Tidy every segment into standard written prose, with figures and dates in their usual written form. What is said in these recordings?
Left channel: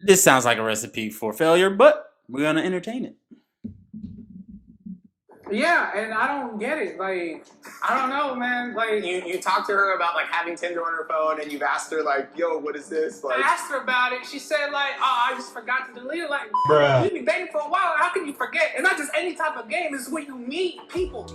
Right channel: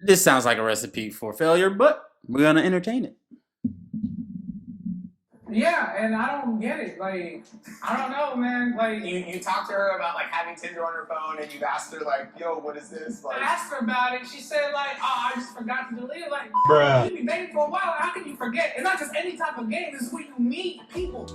This sounds like a recipe for failure, but we're gonna entertain it. Yeah, and I don't get it. Like, I don't know, man. Like, you talked to her about like having Tinder on her phone, and you've asked her like, "Yo, what is this?" Like, I asked her about it. She said like, "Oh, I just forgot to delete it." Like, bruh, you've been dating for a while. How can you forget? It's not just any type of game. It's when you meet people.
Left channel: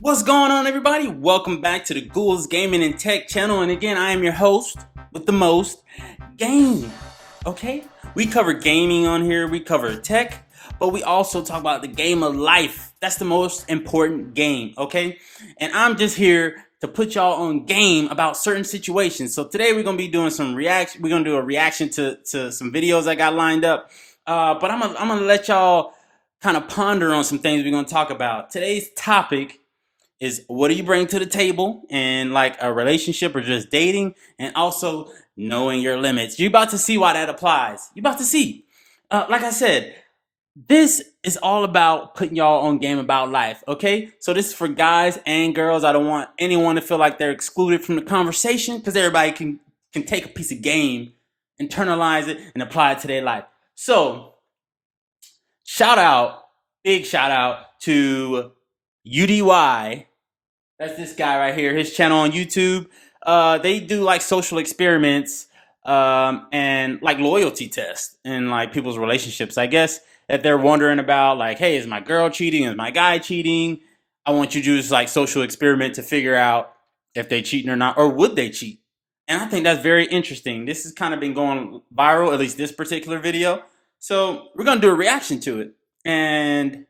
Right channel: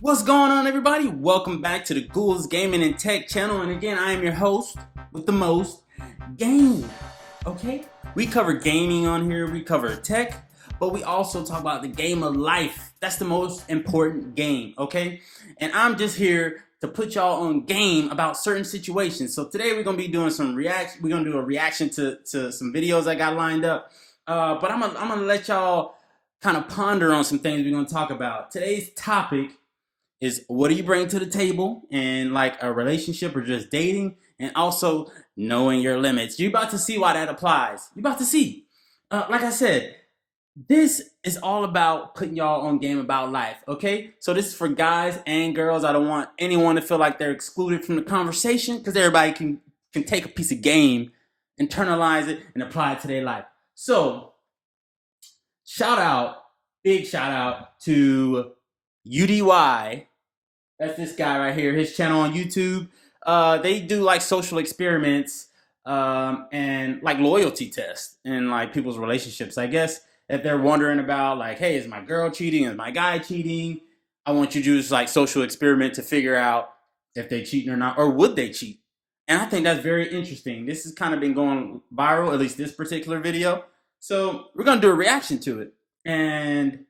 What's going on, everybody? Welcome back to the Gould's Gaming and Tech channel. And again, I am your host with the most, Game. Okay? We cover gaming on here, we cover tech, but we also talk about the game of life. That's the most important game, okay? And I'm just here to put y'all on game about certain situations. So today we're gonna be doing some reaction. We're gonna do a reaction to some videos I got lined up. But I'm gonna let y'all kind of ponder on some things we're gonna talk about. Today's topic is what do you bring to the table in like a relationship or just dating, and also knowing your limits. You're about to see why that applies. You're about to see. Like I said, this is all about putting y'all on game about life, okay? So this is for guys and girls. I don't want anyone to feel like they're excluded from the conversation because everybody can take a piece of game, internalize it, and apply it to their life. So, big shout out to UDY. That's this guy right here. His channel on YouTube. They do like social experiments and like loyalty tests in like people's relationships. I guess if they're wondering about like, hey, is my girl cheating? Is my guy cheating? I want you to do this like social experiment to figure out if they cheating or not, or would they cheat? And I think that's very interesting. This has kind of been going viral, at least this particular video. So we're gonna do a reaction to it, and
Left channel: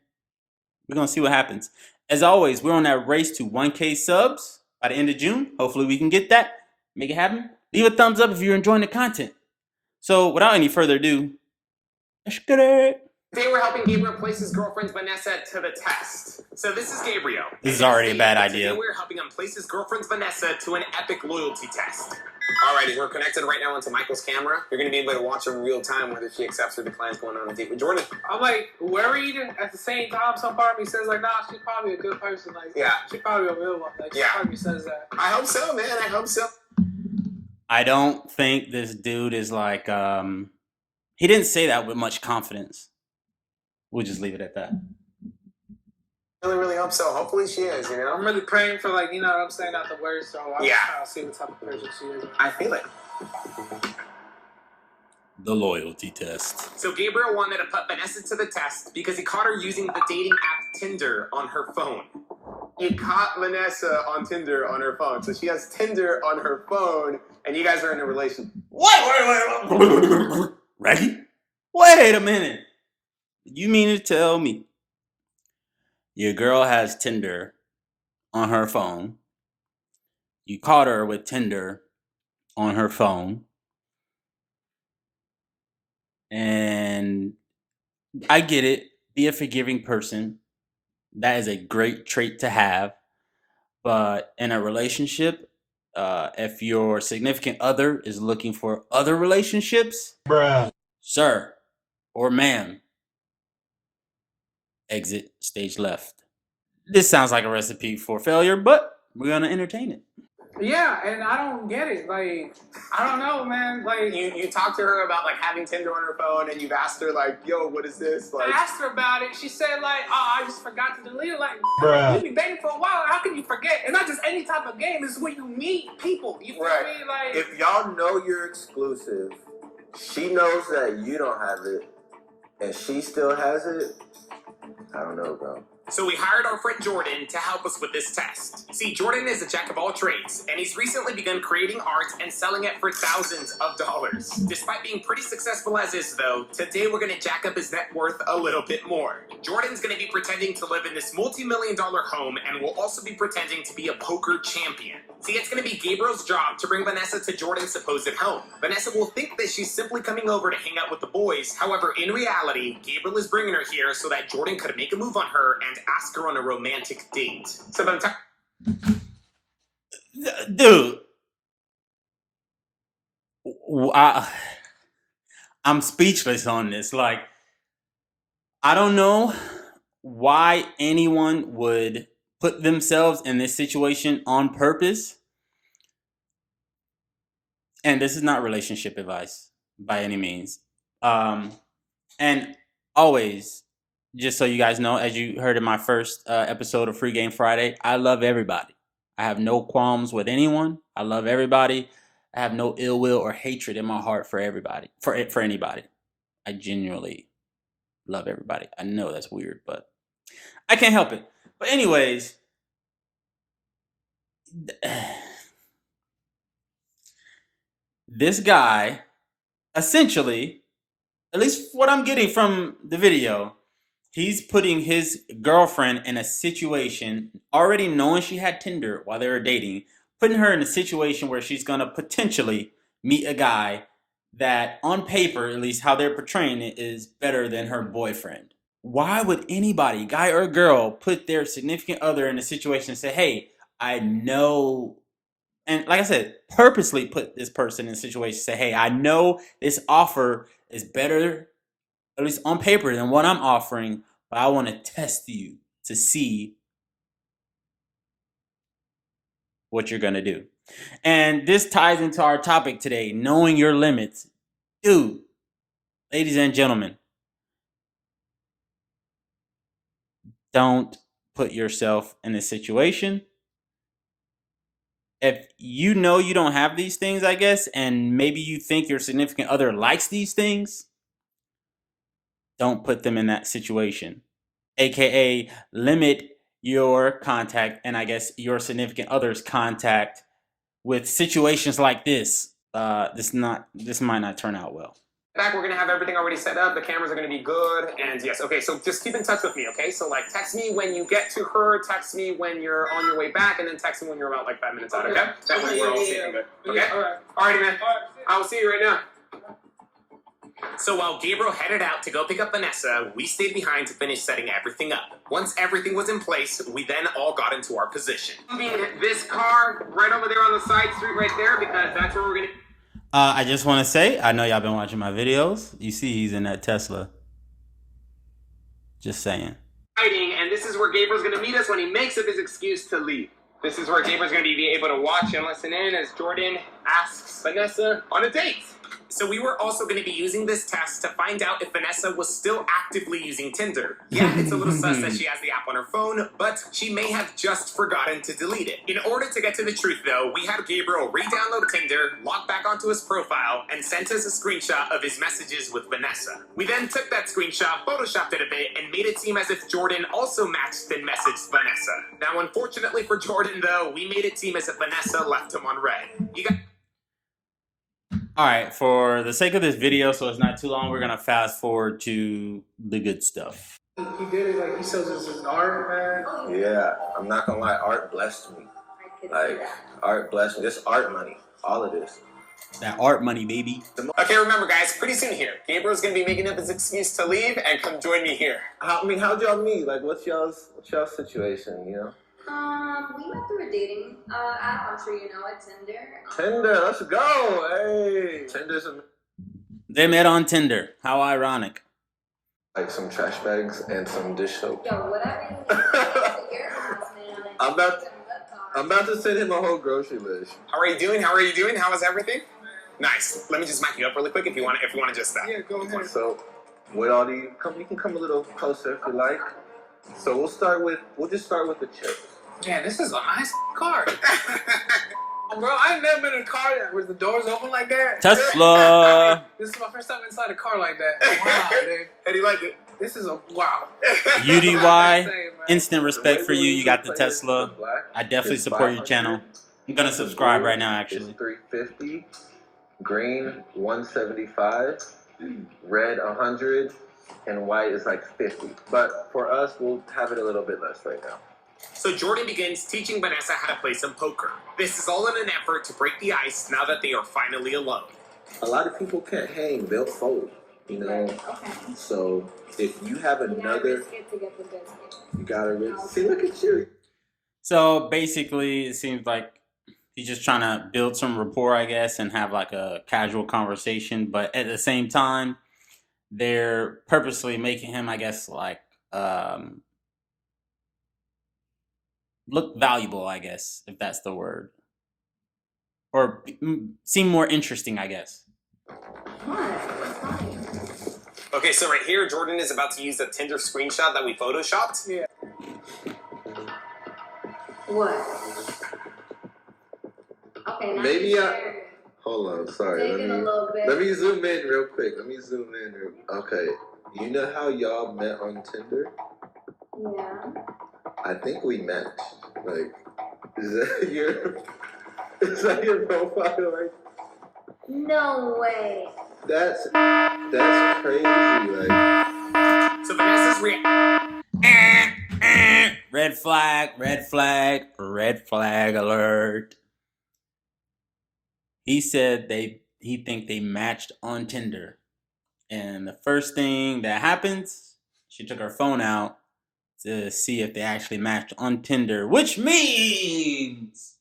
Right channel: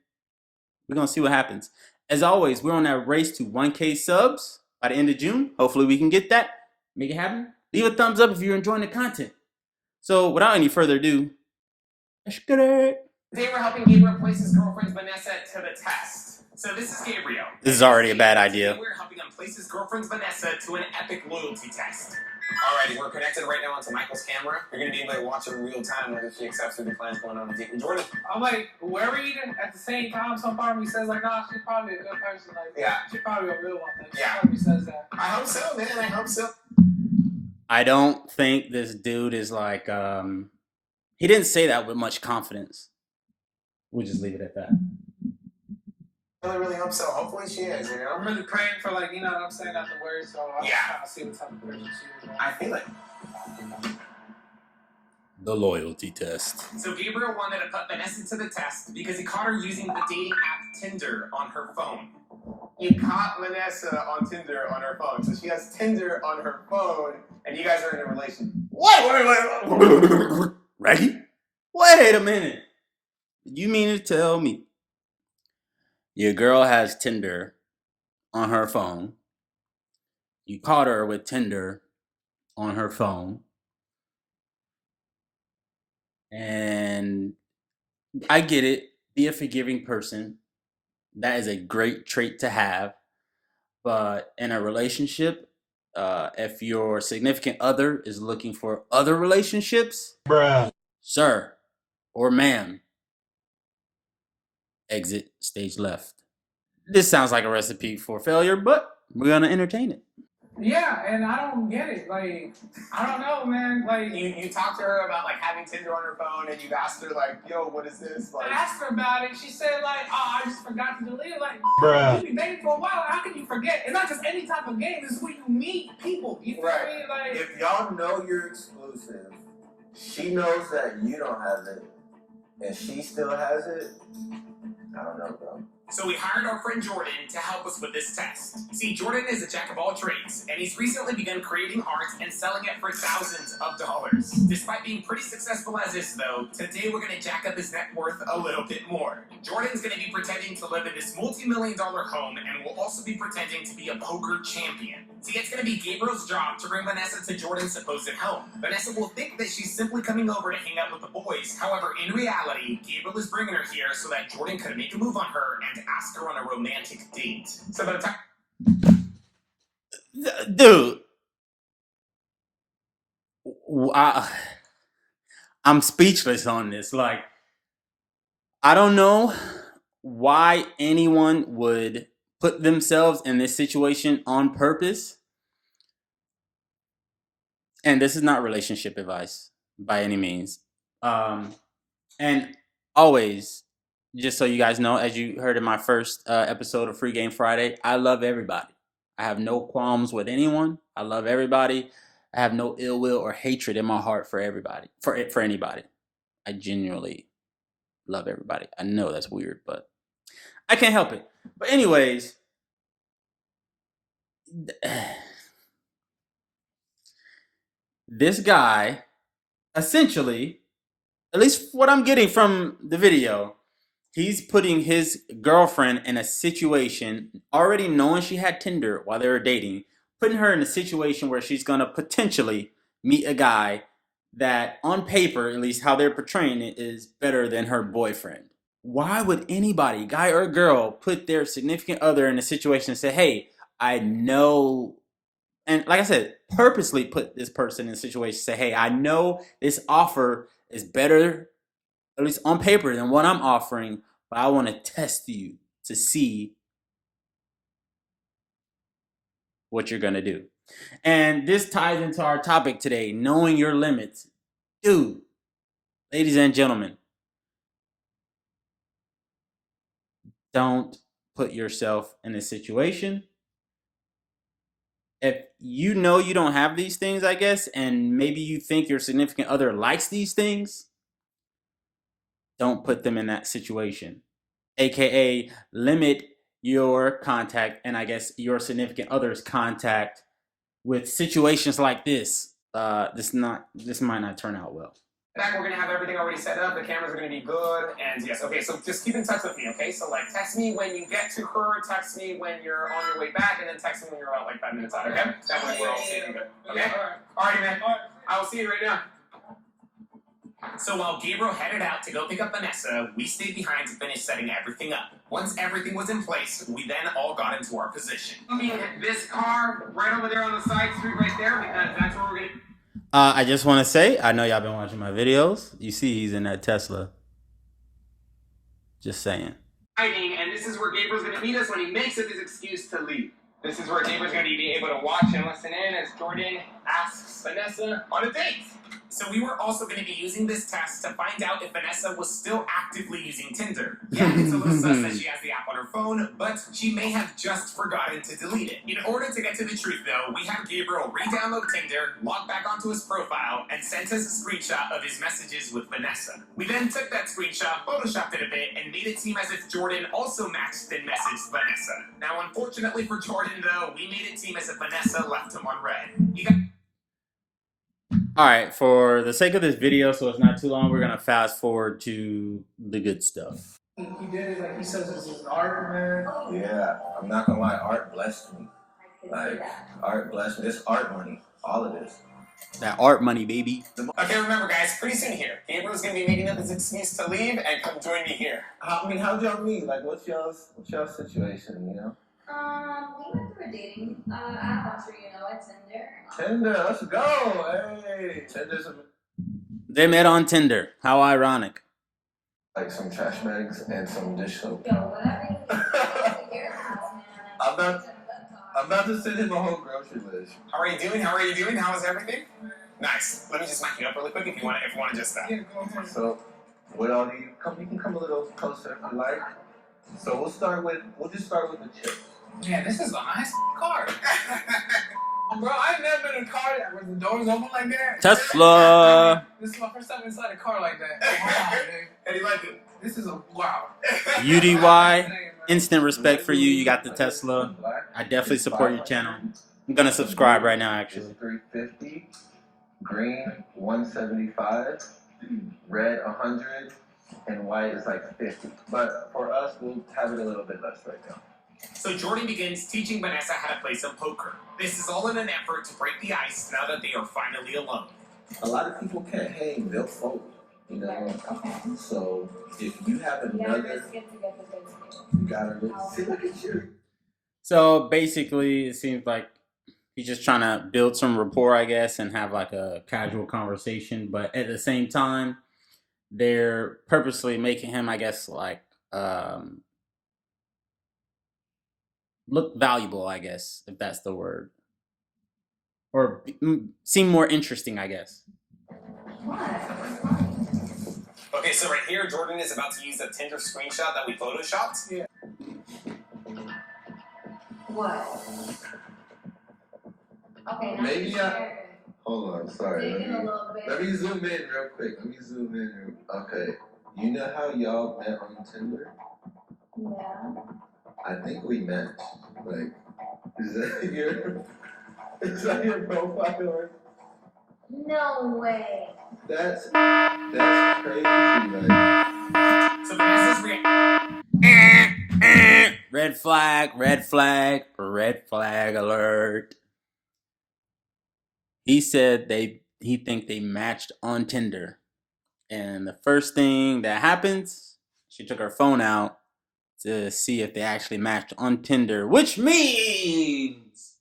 we're gonna see what happens. As always, we're on that race to 1K subs by the end of June. Hopefully we can get that. Make it happen. Leave a thumbs up if you're enjoying the content. So without any further ado, let's get it. They were helping Gabriel place his girlfriend Vanessa to the test. So this is Gabriel. This is already a bad idea. They were helping him place his girlfriend Vanessa to an epic loyalty test. Alrighty, we're connected right now into Michael's camera. You're going to be able to watch in real time whether she accepts the plans going on with David Jordan. I'm like, we're eating at the same time. Some part of me says like, nah, she's probably a good person. Like, yeah, she's probably available. Like, yeah, probably says that. I hope so, man. I hope so. I don't think this dude is like, he didn't say that with much confidence. We'll just leave it at that. Really hope so. Hopefully she is, you know? I'm really praying for, like, you know what I'm saying, not the worst, so I'm trying to see what type of person she is. I feel it. The loyalty test. So Gabriel wanted to put Vanessa to the test because he caught her using the dating app Tinder on her phone. He caught Vanessa on Tinder on her phone. So she has Tinder on her phone, and you guys are in a relationship. Wait. Ready? Wait a minute. You mean to tell me your girl has Tinder on her phone? You caught her with Tinder on her phone. And I get it. Be a forgiving person. That is a great trait to have. But in a relationship, if your significant other is looking for other relationships, bruh, sir or ma'am, exit stage left. This sounds like a recipe for failure, but we're gonna entertain it. Yeah, and I don't get it. Like, I don't know, man. Like, you talked to her about like having Tinder on her phone, and you've asked her like, "Yo, what is this?" Like, I asked her about it. She said like, "Oh, I just forgot to delete it." Like, bruh, you've been dating for a while. How can you forget? It's not just any type of game. It's when you meet people. You feel me? Like, if y'all know you're exclusive, she knows that you don't have it, and she still has it. I don't know, bro. So we hired our friend Jordan to help us with this test. See, Jordan is a jack of all trades, and he's recently begun creating art and selling it for thousands of dollars. Despite being pretty successful as is, though, today we're going to jack up his net worth a little bit more. Jordan's going to be pretending to live in this multi-million-dollar home, and will also be pretending to be a poker champion. See, it's going to be Gabriel's job to bring Vanessa to Jordan's supposed home. Vanessa will think that she's simply coming over to hang out with the boys. However, in reality, Gabriel is bringing her here so that Jordan could make a move on her and ask her on a romantic date. So by the time... Dude, I'm speechless on this. Like, I don't know why anyone would put themselves in this situation on purpose. And this is not relationship advice by any means. And always, just so you guys know, as you heard in my first episode of Free Game Friday, I love everybody. I have no qualms with anyone. I love everybody. I have no ill will or hatred in my heart for everybody, for anybody. I genuinely love everybody. I know that's weird, but I can't help it. But anyways, this guy, essentially, at least what I'm getting from the video, he's putting his girlfriend in a situation, already knowing she had Tinder while they were dating, putting her in a situation where she's going to potentially meet a guy that, on paper, at least how they're portraying it, is better than her boyfriend. Why would anybody, guy or girl, put their significant other in a situation and say, hey, I know, and like I said, purposely put this person in a situation, say, hey, I know this offer is better, at least on paper, than what I'm offering, but I want to test you to see what you're going to do. And this ties into our topic today, knowing your limits. Dude, ladies and gentlemen, don't put yourself in this situation. If you know you don't have these things, I guess, and maybe you think your significant other likes these things, don't put them in that situation. AKA limit your contact and I guess your significant other's contact with situations like this. This might not turn out well. Back, we're gonna have everything already set up. The cameras are gonna be good, and yes, okay. So just keep in touch with me, okay? So like, text me when you get to her, text me when you're on your way back, and then text me when you're about like 5 minutes out, okay? That way we're all seeing good. Okay. All right, man. I will see you right now. So while Gabriel headed out to go pick up Vanessa, we stayed behind to finish setting everything up. Once everything was in place, we then all got into our position. Moving this car right over there on the side street right there, because that's where we're gonna. I just want to say, I know y'all been watching my videos. You see he's in that Tesla. Just saying. And this is where Gabriel's going to meet us when he makes up his excuse to leave. This is where Gabriel's going to be able to watch and listen in as Jordan asks Vanessa on a date. So we were also going to be using this test to find out if Vanessa was still actively using Tinder. Yeah, it's a little sus that she has the app on her phone, but she may have just forgotten to delete it. In order to get to the truth, though, we had Gabriel re-download Tinder, log back onto his profile, and sent us a screenshot of his messages with Vanessa. We then took that screenshot, photoshopped it a bit, and made it seem as if Jordan also matched and messaged Vanessa. Now, unfortunately for Jordan, though, we made it seem as if Vanessa left him on red. All right, for the sake of this video, so it's not too long, we're gonna fast forward to the good stuff. He did it like he says this is art, man. Yeah, I'm not gonna lie, art blessed me. Like, art blessed me. This art money, all of this. That art money, baby. Okay, remember, guys, pretty soon here, Gabriel's gonna be making up his excuse to leave and come join me here. How'd y'all meet? Like, what's y'all's situation, you know? We went through a dating app. I'm sure you know it, Tinder. Tinder, let's go. Hey, Tinder's They met on Tinder. How ironic. like some trash bags and some dish soap. Yo, whatever you think your house, man. I'm about to send him a whole grocery list. How are you doing? How is everything? Nice. Let me just mic you up really quick if you want to just Yeah, go ahead. So, with all the you can come a little closer if you like. So we'll just start with the chips. Yeah, this is a nice car. Bro, I've never been in a car with the doors open like that. Tesla. This is my first time inside a car like that. Wow, dude. And you like it? This is a wow. UDY. Instant respect for you. You got the Tesla. I definitely support your channel. I'm gonna subscribe right now, actually. It's $350, green 175, red 100, and white is like 50. But for us, we'll have it a little bit less right now. So Jordan begins teaching Vanessa how to play some poker. This is all in an effort to break the ice now that they are finally alone. A lot of people can't hang, they'll fold, you know. Okay. So if you have You gotta another, risk it to get the biscuit. you gotta really see. Look at you. So basically, it seems like he's just trying to build some rapport, I guess, and have like a casual conversation. But at the same time, they're purposely making him, I guess, like look valuable, I guess, if that's the word, or seem more interesting, I guess. Okay, so right here, Jordan is about to use the Tinder screenshot that we photoshopped. Yeah. What? Okay, now Maybe you're Hold on, sorry. taking a little bit. Let me zoom in real quick. Okay, you know how y'all met on Tinder? Yeah. I think we matched. Like, is that your profile? Like, No way. that's crazy. Like, So Vanessa's Red flag, red flag, red flag alert. He said he think they matched on Tinder. And the first thing that happens, she took her phone out to see if they actually matched on Tinder, which means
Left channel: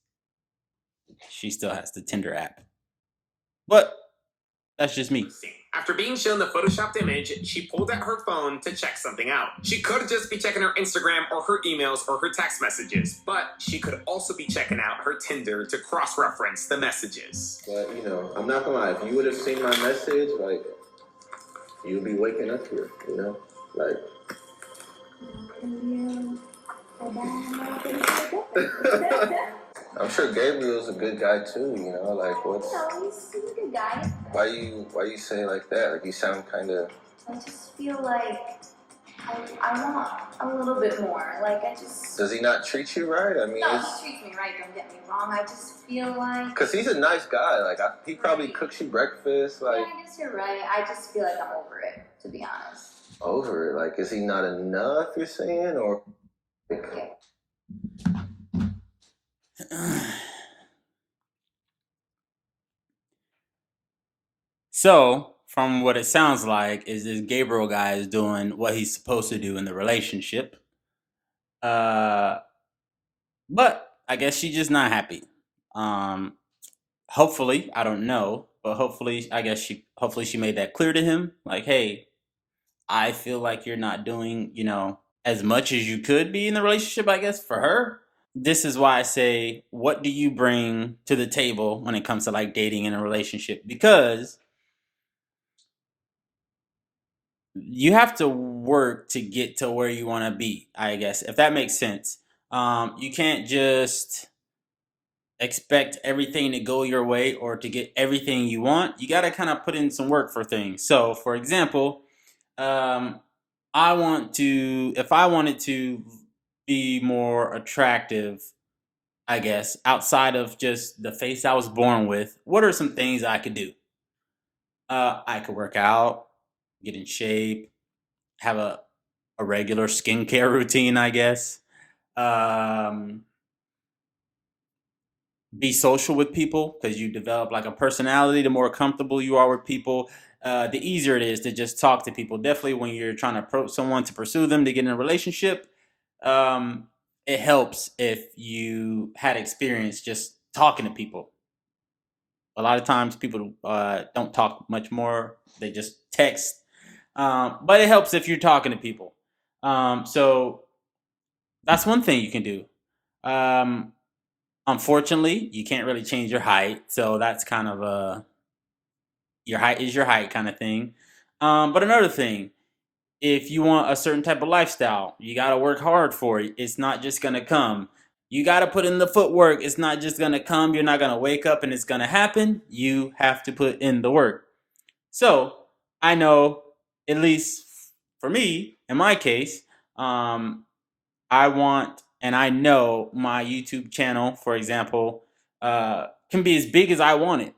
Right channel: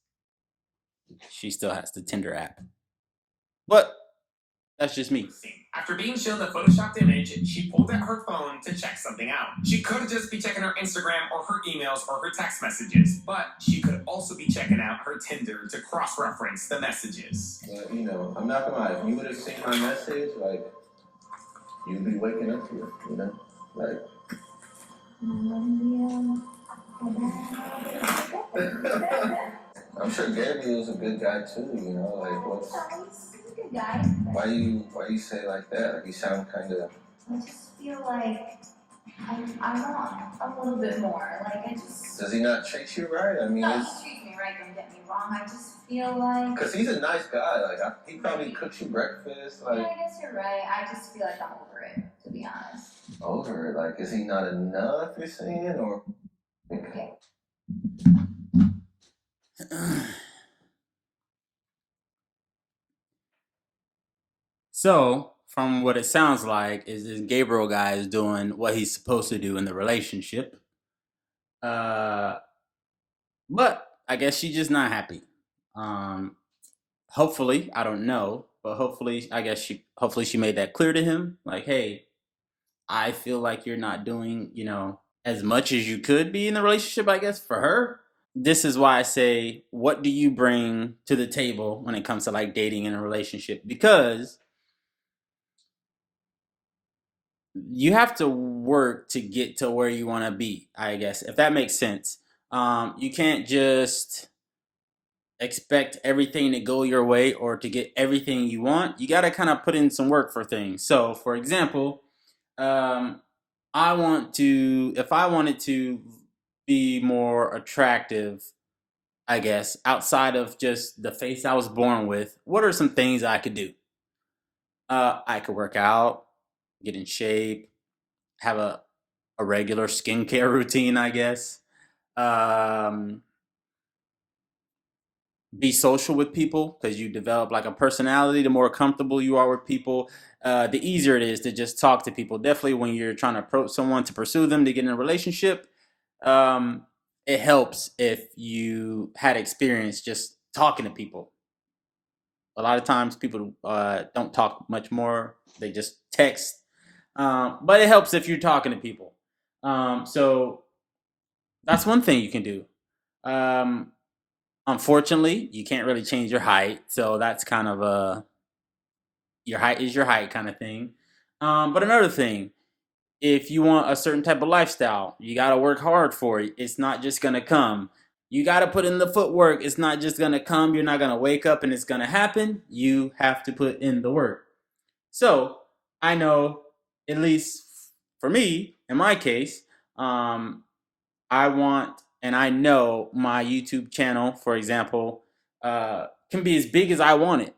she still has the Tinder app. But that's just me. After being shown the photoshopped image, she pulled out her phone to check something out. She could just be checking her Instagram or her emails or her text messages, but she could also be checking out her Tinder to cross-reference the messages. but I'm not gonna lie. If you would have seen my message, like, you'd be waking up here. Like. I'm sure Gabriel's a good guy too. Like what's? No, he's a good guy. Why you say it like that? Like you sound kind of. I just feel like I want a little bit more. Like I just. Does he not treat you right? I mean, No, he treats me right. Don't get me wrong. I just feel like. Cause he's a nice guy. Like he probably cooks you breakfast. Like. Yeah, I guess you're right. I just feel like I'm over it, to be honest. Over it? Like, is he not enough? You're saying, or? Okay. So, from what it sounds like, is this Gabriel guy is doing what he's supposed to do in the relationship. But I guess she's just not happy. Hopefully, I don't know, but hopefully she made that clear to him. Like, hey, I feel like you're not doing, as much as you could be in the relationship, I guess, for her. This is why I say, what do you bring to the table when it comes to like dating in a relationship? Because you have to work to get to where you want to be, I guess, if that makes sense. You can't just expect everything to go your way or to get everything you want. You got to kind of put in some work for things. So, for example, if I wanted to be more attractive, I guess, outside of just the face I was born with, what are some things I could do? I could work out, get in shape, have a regular skincare routine, I guess. Be social with people, because you develop like a personality. The more comfortable you are with people, the easier it is to just talk to people. Definitely when you're trying to approach someone to pursue them to get in a relationship, it helps if you had experience just talking to people. A lot of times people don't talk much more. They just text. But it helps if you're talking to people. So that's one thing you can do. Unfortunately, you can't really change your height. So that's kind of your height is your height kind of thing. But another thing, if you want a certain type of lifestyle, you got to work hard for it. It's not just going to come. You got to put in the footwork. It's not just going to come. You're not going to wake up and it's going to happen. You have to put in the work. So I know, at least for me, in my case, I want, and I know my YouTube channel, for example, can be as big as I want it,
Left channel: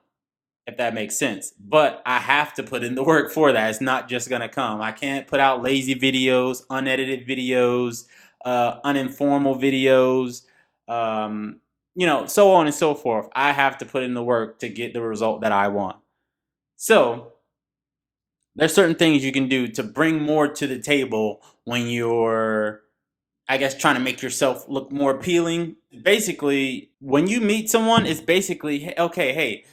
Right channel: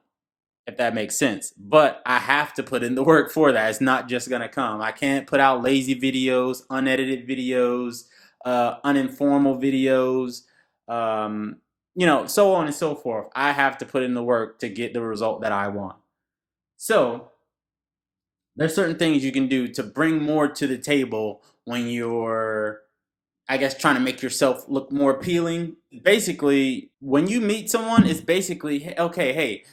if that makes sense. But I have to put in the work for that. It's not just going to come. I can't put out lazy videos, unedited videos, uninformal videos, so on and so forth. I have to put in the work to get the result that I want. So there's certain things you can do to bring more to the table when you're, I guess, trying to make yourself look more appealing. Basically, when you meet someone, it's basically, okay, hey,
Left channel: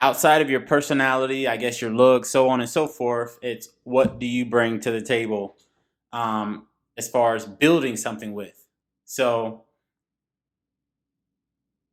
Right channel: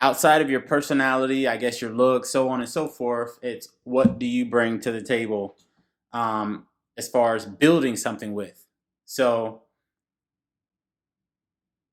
outside of your personality, I guess your looks, so on and so forth, it's what do you bring to the table as far as building something with. So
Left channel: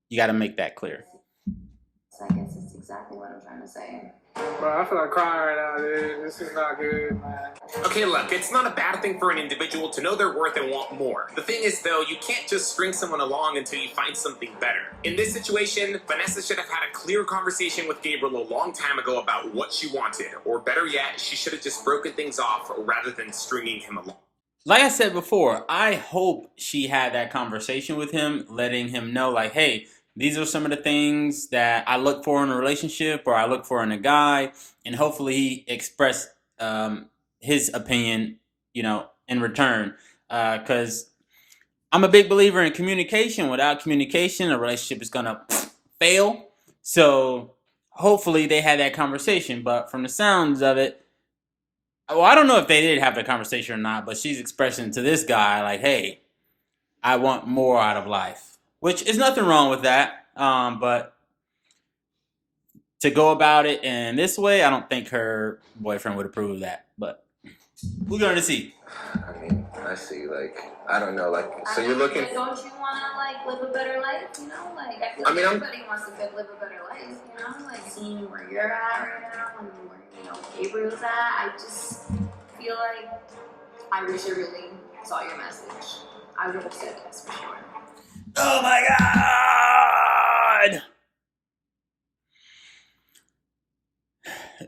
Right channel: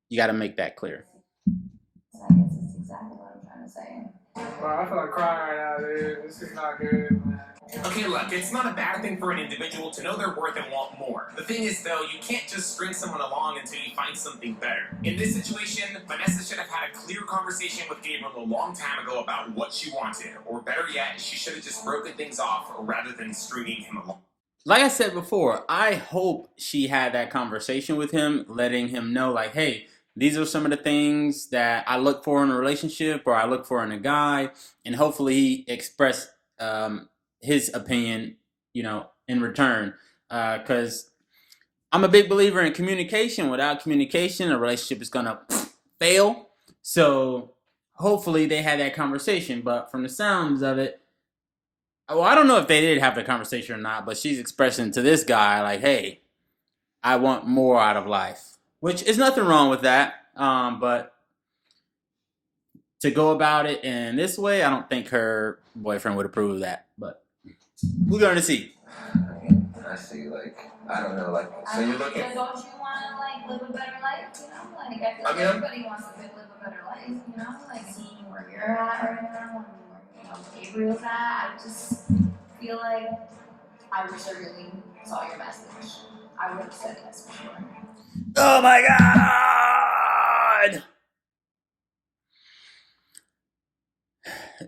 you got to make that clear. I guess that's exactly what I'm trying to say. Bro, I feel like crying right now, dude. This is not good, man. Okay, look, it's not a bad thing for an individual to know their worth and want more. The thing is, though, you can't just string someone along until you find something better. In this situation, Vanessa should have had a clear conversation with Gabriel a long time ago about what she wanted. Or better yet, she should have just broken things off rather than stringing him along. Like I said before, I hope she had that conversation with him, letting him know, like, hey, these are some of the things that I look for in a relationship or I look for in a guy. And hopefully he expressed his opinion, in return. Because I'm a big believer in communication. Without communication, a relationship is going to fail. So hopefully they had that conversation. But from the sounds of it, well, I don't know if they did have the conversation or not, but she's expressing to this guy, like, hey, I want more out of life. Which is nothing wrong with that. But to go about it in this way, I don't think her boyfriend would approve of that. But we're going to see. I mean, I see, like, I don't know, like, so you're looking... Don't you want to, like, live a better life, you know? Like, I feel like everybody wants to live a better life, you know? Like, seeing where you're at right now and where, Gabriel's at, I just feel like I wish I really saw your message. I would have said yes for sure. Oh, my God!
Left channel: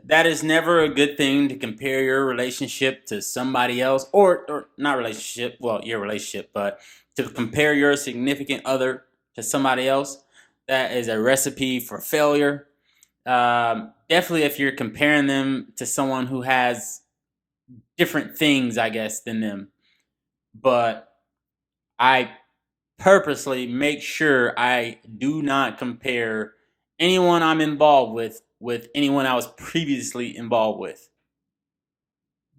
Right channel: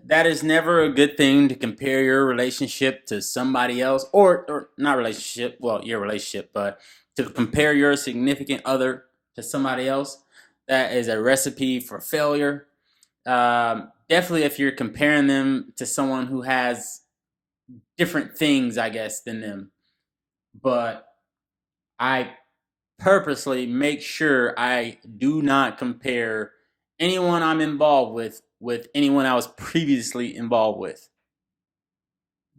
That is never a good thing to compare your relationship to somebody else, or not relationship, well, your relationship, but to compare your significant other to somebody else. That is a recipe for failure. Definitely if you're comparing them to someone who has different things, I guess, than them. But I purposely make sure I do not compare anyone I'm involved with anyone I was previously involved with.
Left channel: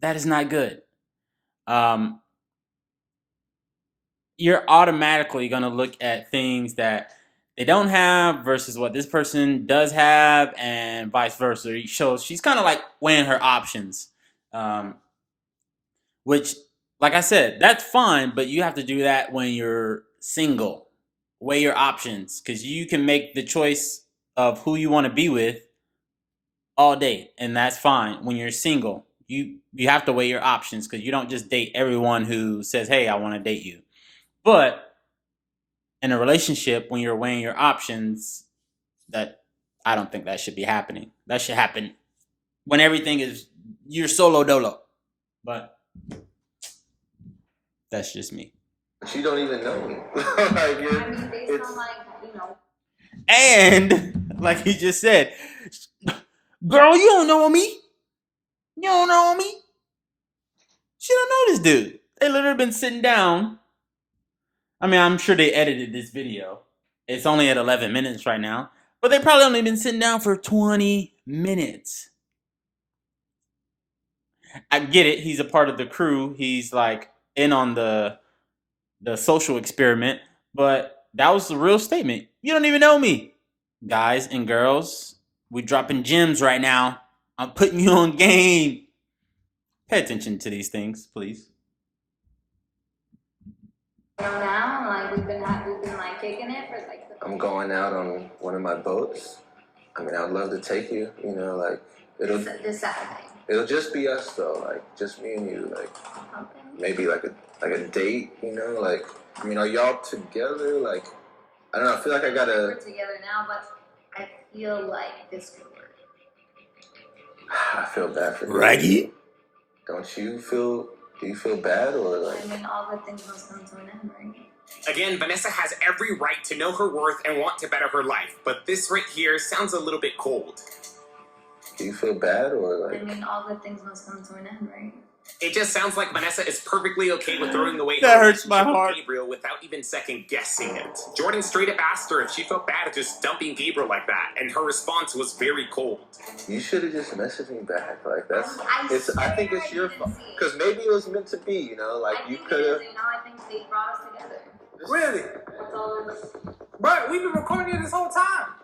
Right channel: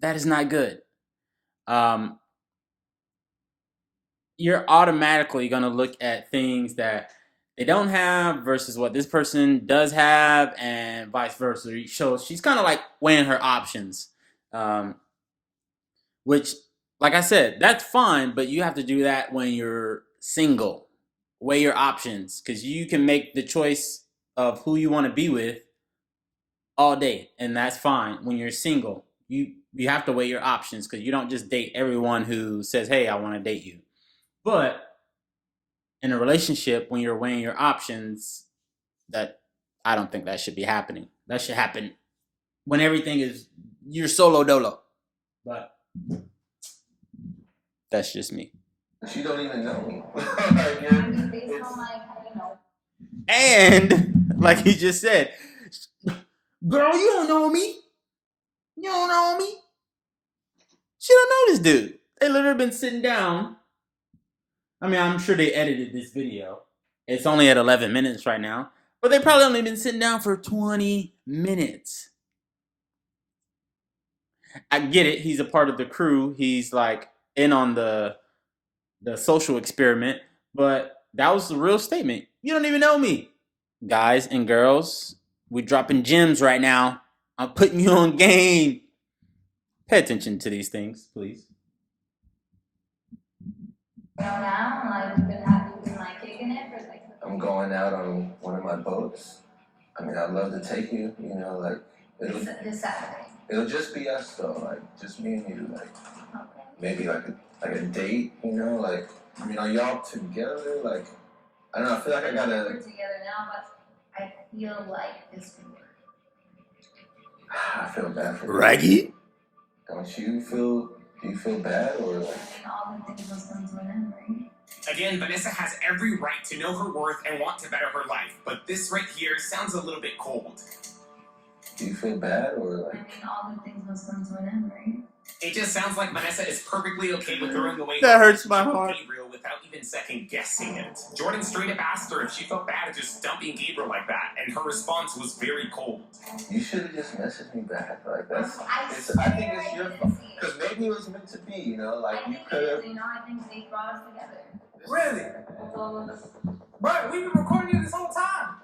That is not good. You're automatically going to look at things that they don't have versus what this person does have, and vice versa. So she's kind of like weighing her options, which, like I said, that's fine, but you have to do that when you're single. Weigh your options, because you can make the choice of who you want to be with all day, and that's fine. When you're single, you have to weigh your options, because you don't just date everyone who says, hey, I want to date you. But in a relationship, when you're weighing your options, that I don't think that should be happening. That should happen when everything is you're solo dolo. But that's just me. She don't even know me. And like he just said, girl, you don't know me. You don't know me. She don't know this dude. They literally been sitting down. I mean, I'm sure they edited this video. It's only at 11 minutes right now. But they probably only been sitting down for 20 minutes. I get it. He's a part of the crew. He's like in on the social experiment. But that was the real statement. You don't even know me. Guys and girls, we dropping gems right now. I'm putting you on game. Pay attention to these things, please. Now, like we've been like kicking it for like. I'm going out on one of my boats. I mean, I'd love to take you. Like this Saturday. It'll just be us though, like just me and you. Like maybe like a date. Like y'all together. Like I don't know. I feel like I gotta. We're together now, but I feel like this could work. I feel bad for you. Raggy? Don't you feel? Do you feel bad or like? I mean, all good things must come to an end, right? Again, Vanessa has every right to know her worth and want to better her life, but this right here sounds a little bit cold. Do you feel bad or like? I mean, all good things must come to an end, right? It just sounds like Vanessa is perfectly okay with throwing away that hurts my heart. Gabriel without even second guessing it. Jordan straight up asked her if she felt bad just dumping Gabriel like that, and her response was very cold. You should have just messaged me back. Like I think it's your fault because maybe it was meant to be. Like you could have. I think they brought us together. Really? That's all. Bro, we've been recording it this whole time.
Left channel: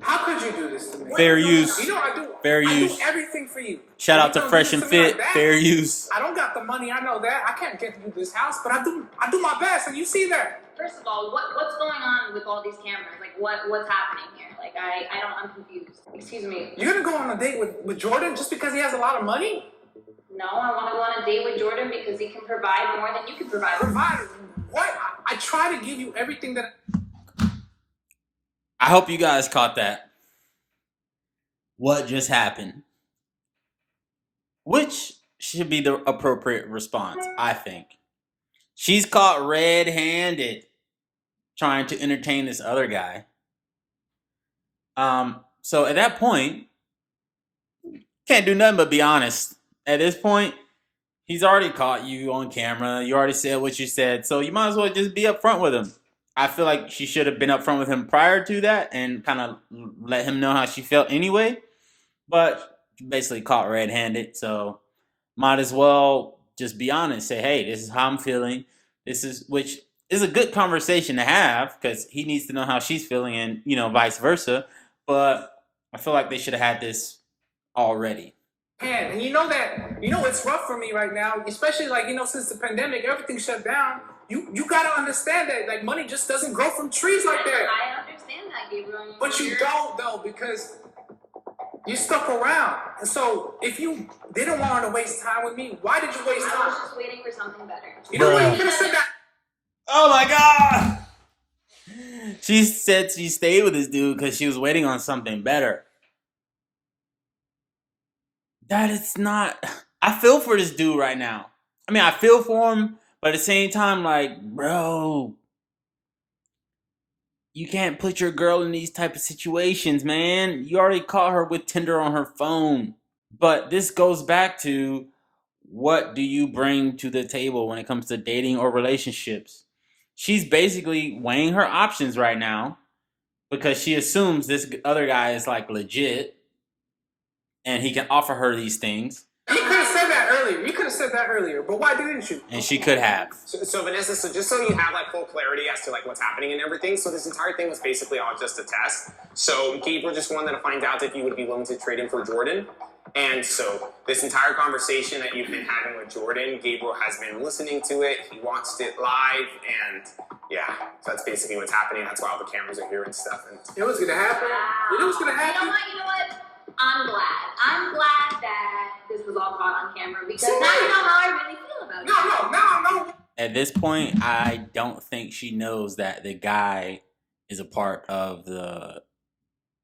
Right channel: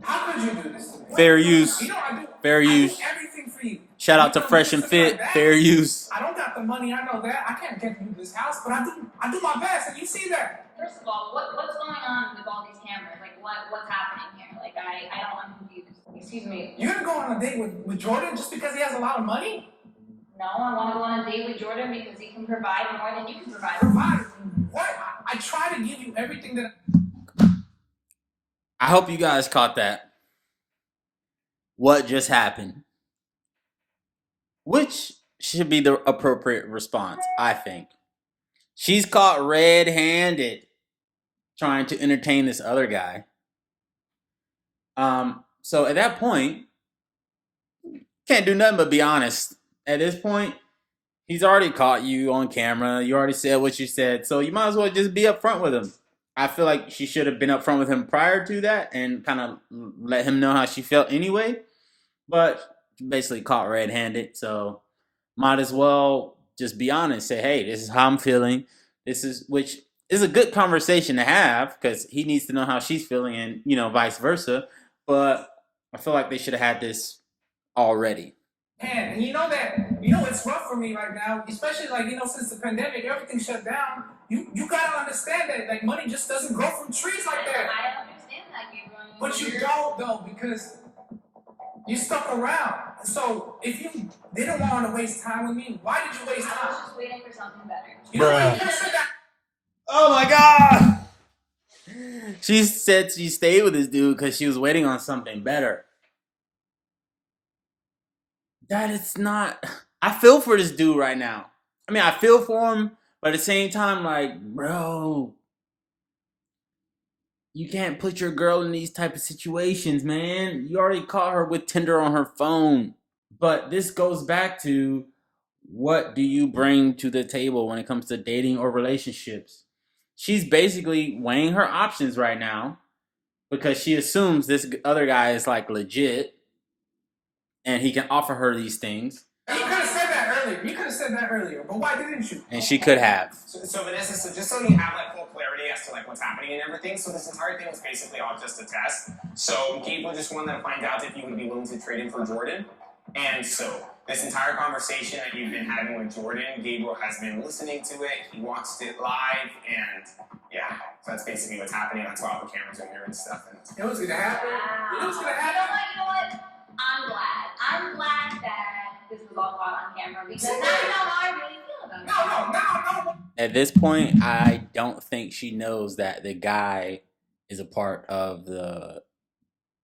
How could you do this to me? Fair use. You know I do. Fair use. I do everything for you. Shout out to Fresh and Fit. Fair use. I don't got the money. I know that. I can't get you this house, but I do my best, and you see that. First of all, what's going on with all these cameras? Like, what's happening here? Like, I'm confused. Excuse me. You're gonna go on a date with Jordan just because he has a lot of money? No, I want to go on a date with Jordan because he can provide more than you can provide. Provide what? I try to give you everything that. I hope you guys caught that. What just happened? Which should be the appropriate response, I think. She's caught red-handed trying to entertain this other guy. So at that point, can't do nothing but be honest. At this point, he's already caught you on camera. You already said what you said, so you might as well just be upfront with him. I feel like she should have been upfront with him prior to that and kind of let him know how she felt anyway. But basically caught red-handed, so might as well just be honest. Say, hey, this is how I'm feeling. Which is a good conversation to have because he needs to know how she's feeling and, vice versa. But I feel like they should have had this already. And you know it's rough for me right now, especially since the pandemic, everything shut down. You gotta understand that money just doesn't grow from trees like that. I understand that, Gabriel. But you don't though, because you stuck around. And so if you didn't want to waste time with me, why did you waste time? I was just waiting for something better. You know what? You could have said that. Oh my God! She said she stayed with this dude because she was waiting on something better. That is not. I feel for this dude right now. I mean, I feel for him, but at the same time, bro, you can't put your girl in these type of situations, man. You already caught her with Tinder on her phone. But this goes back to, what do you bring to the table when it comes to dating or relationships? She's basically weighing her options right now because she assumes this other guy is legit and he can offer her these things. You could have said that earlier. But why didn't you? And she could have. So Vanessa, just so you have full clarity as to what's happening and everything, so this entire thing was basically all just a test. So Gabriel just wanted to find out if you would be willing to trade him for Jordan. And so this entire conversation that you've been having with Jordan, Gabriel has been listening to it. He watched it live, and yeah, so that's basically what's happening. That's why all the cameras are here and stuff. And it was gonna happen. You know what? I'm glad that this was all caught on camera because now you know how I really feel about it. No. At this point, I don't think she knows that the guy is a part of the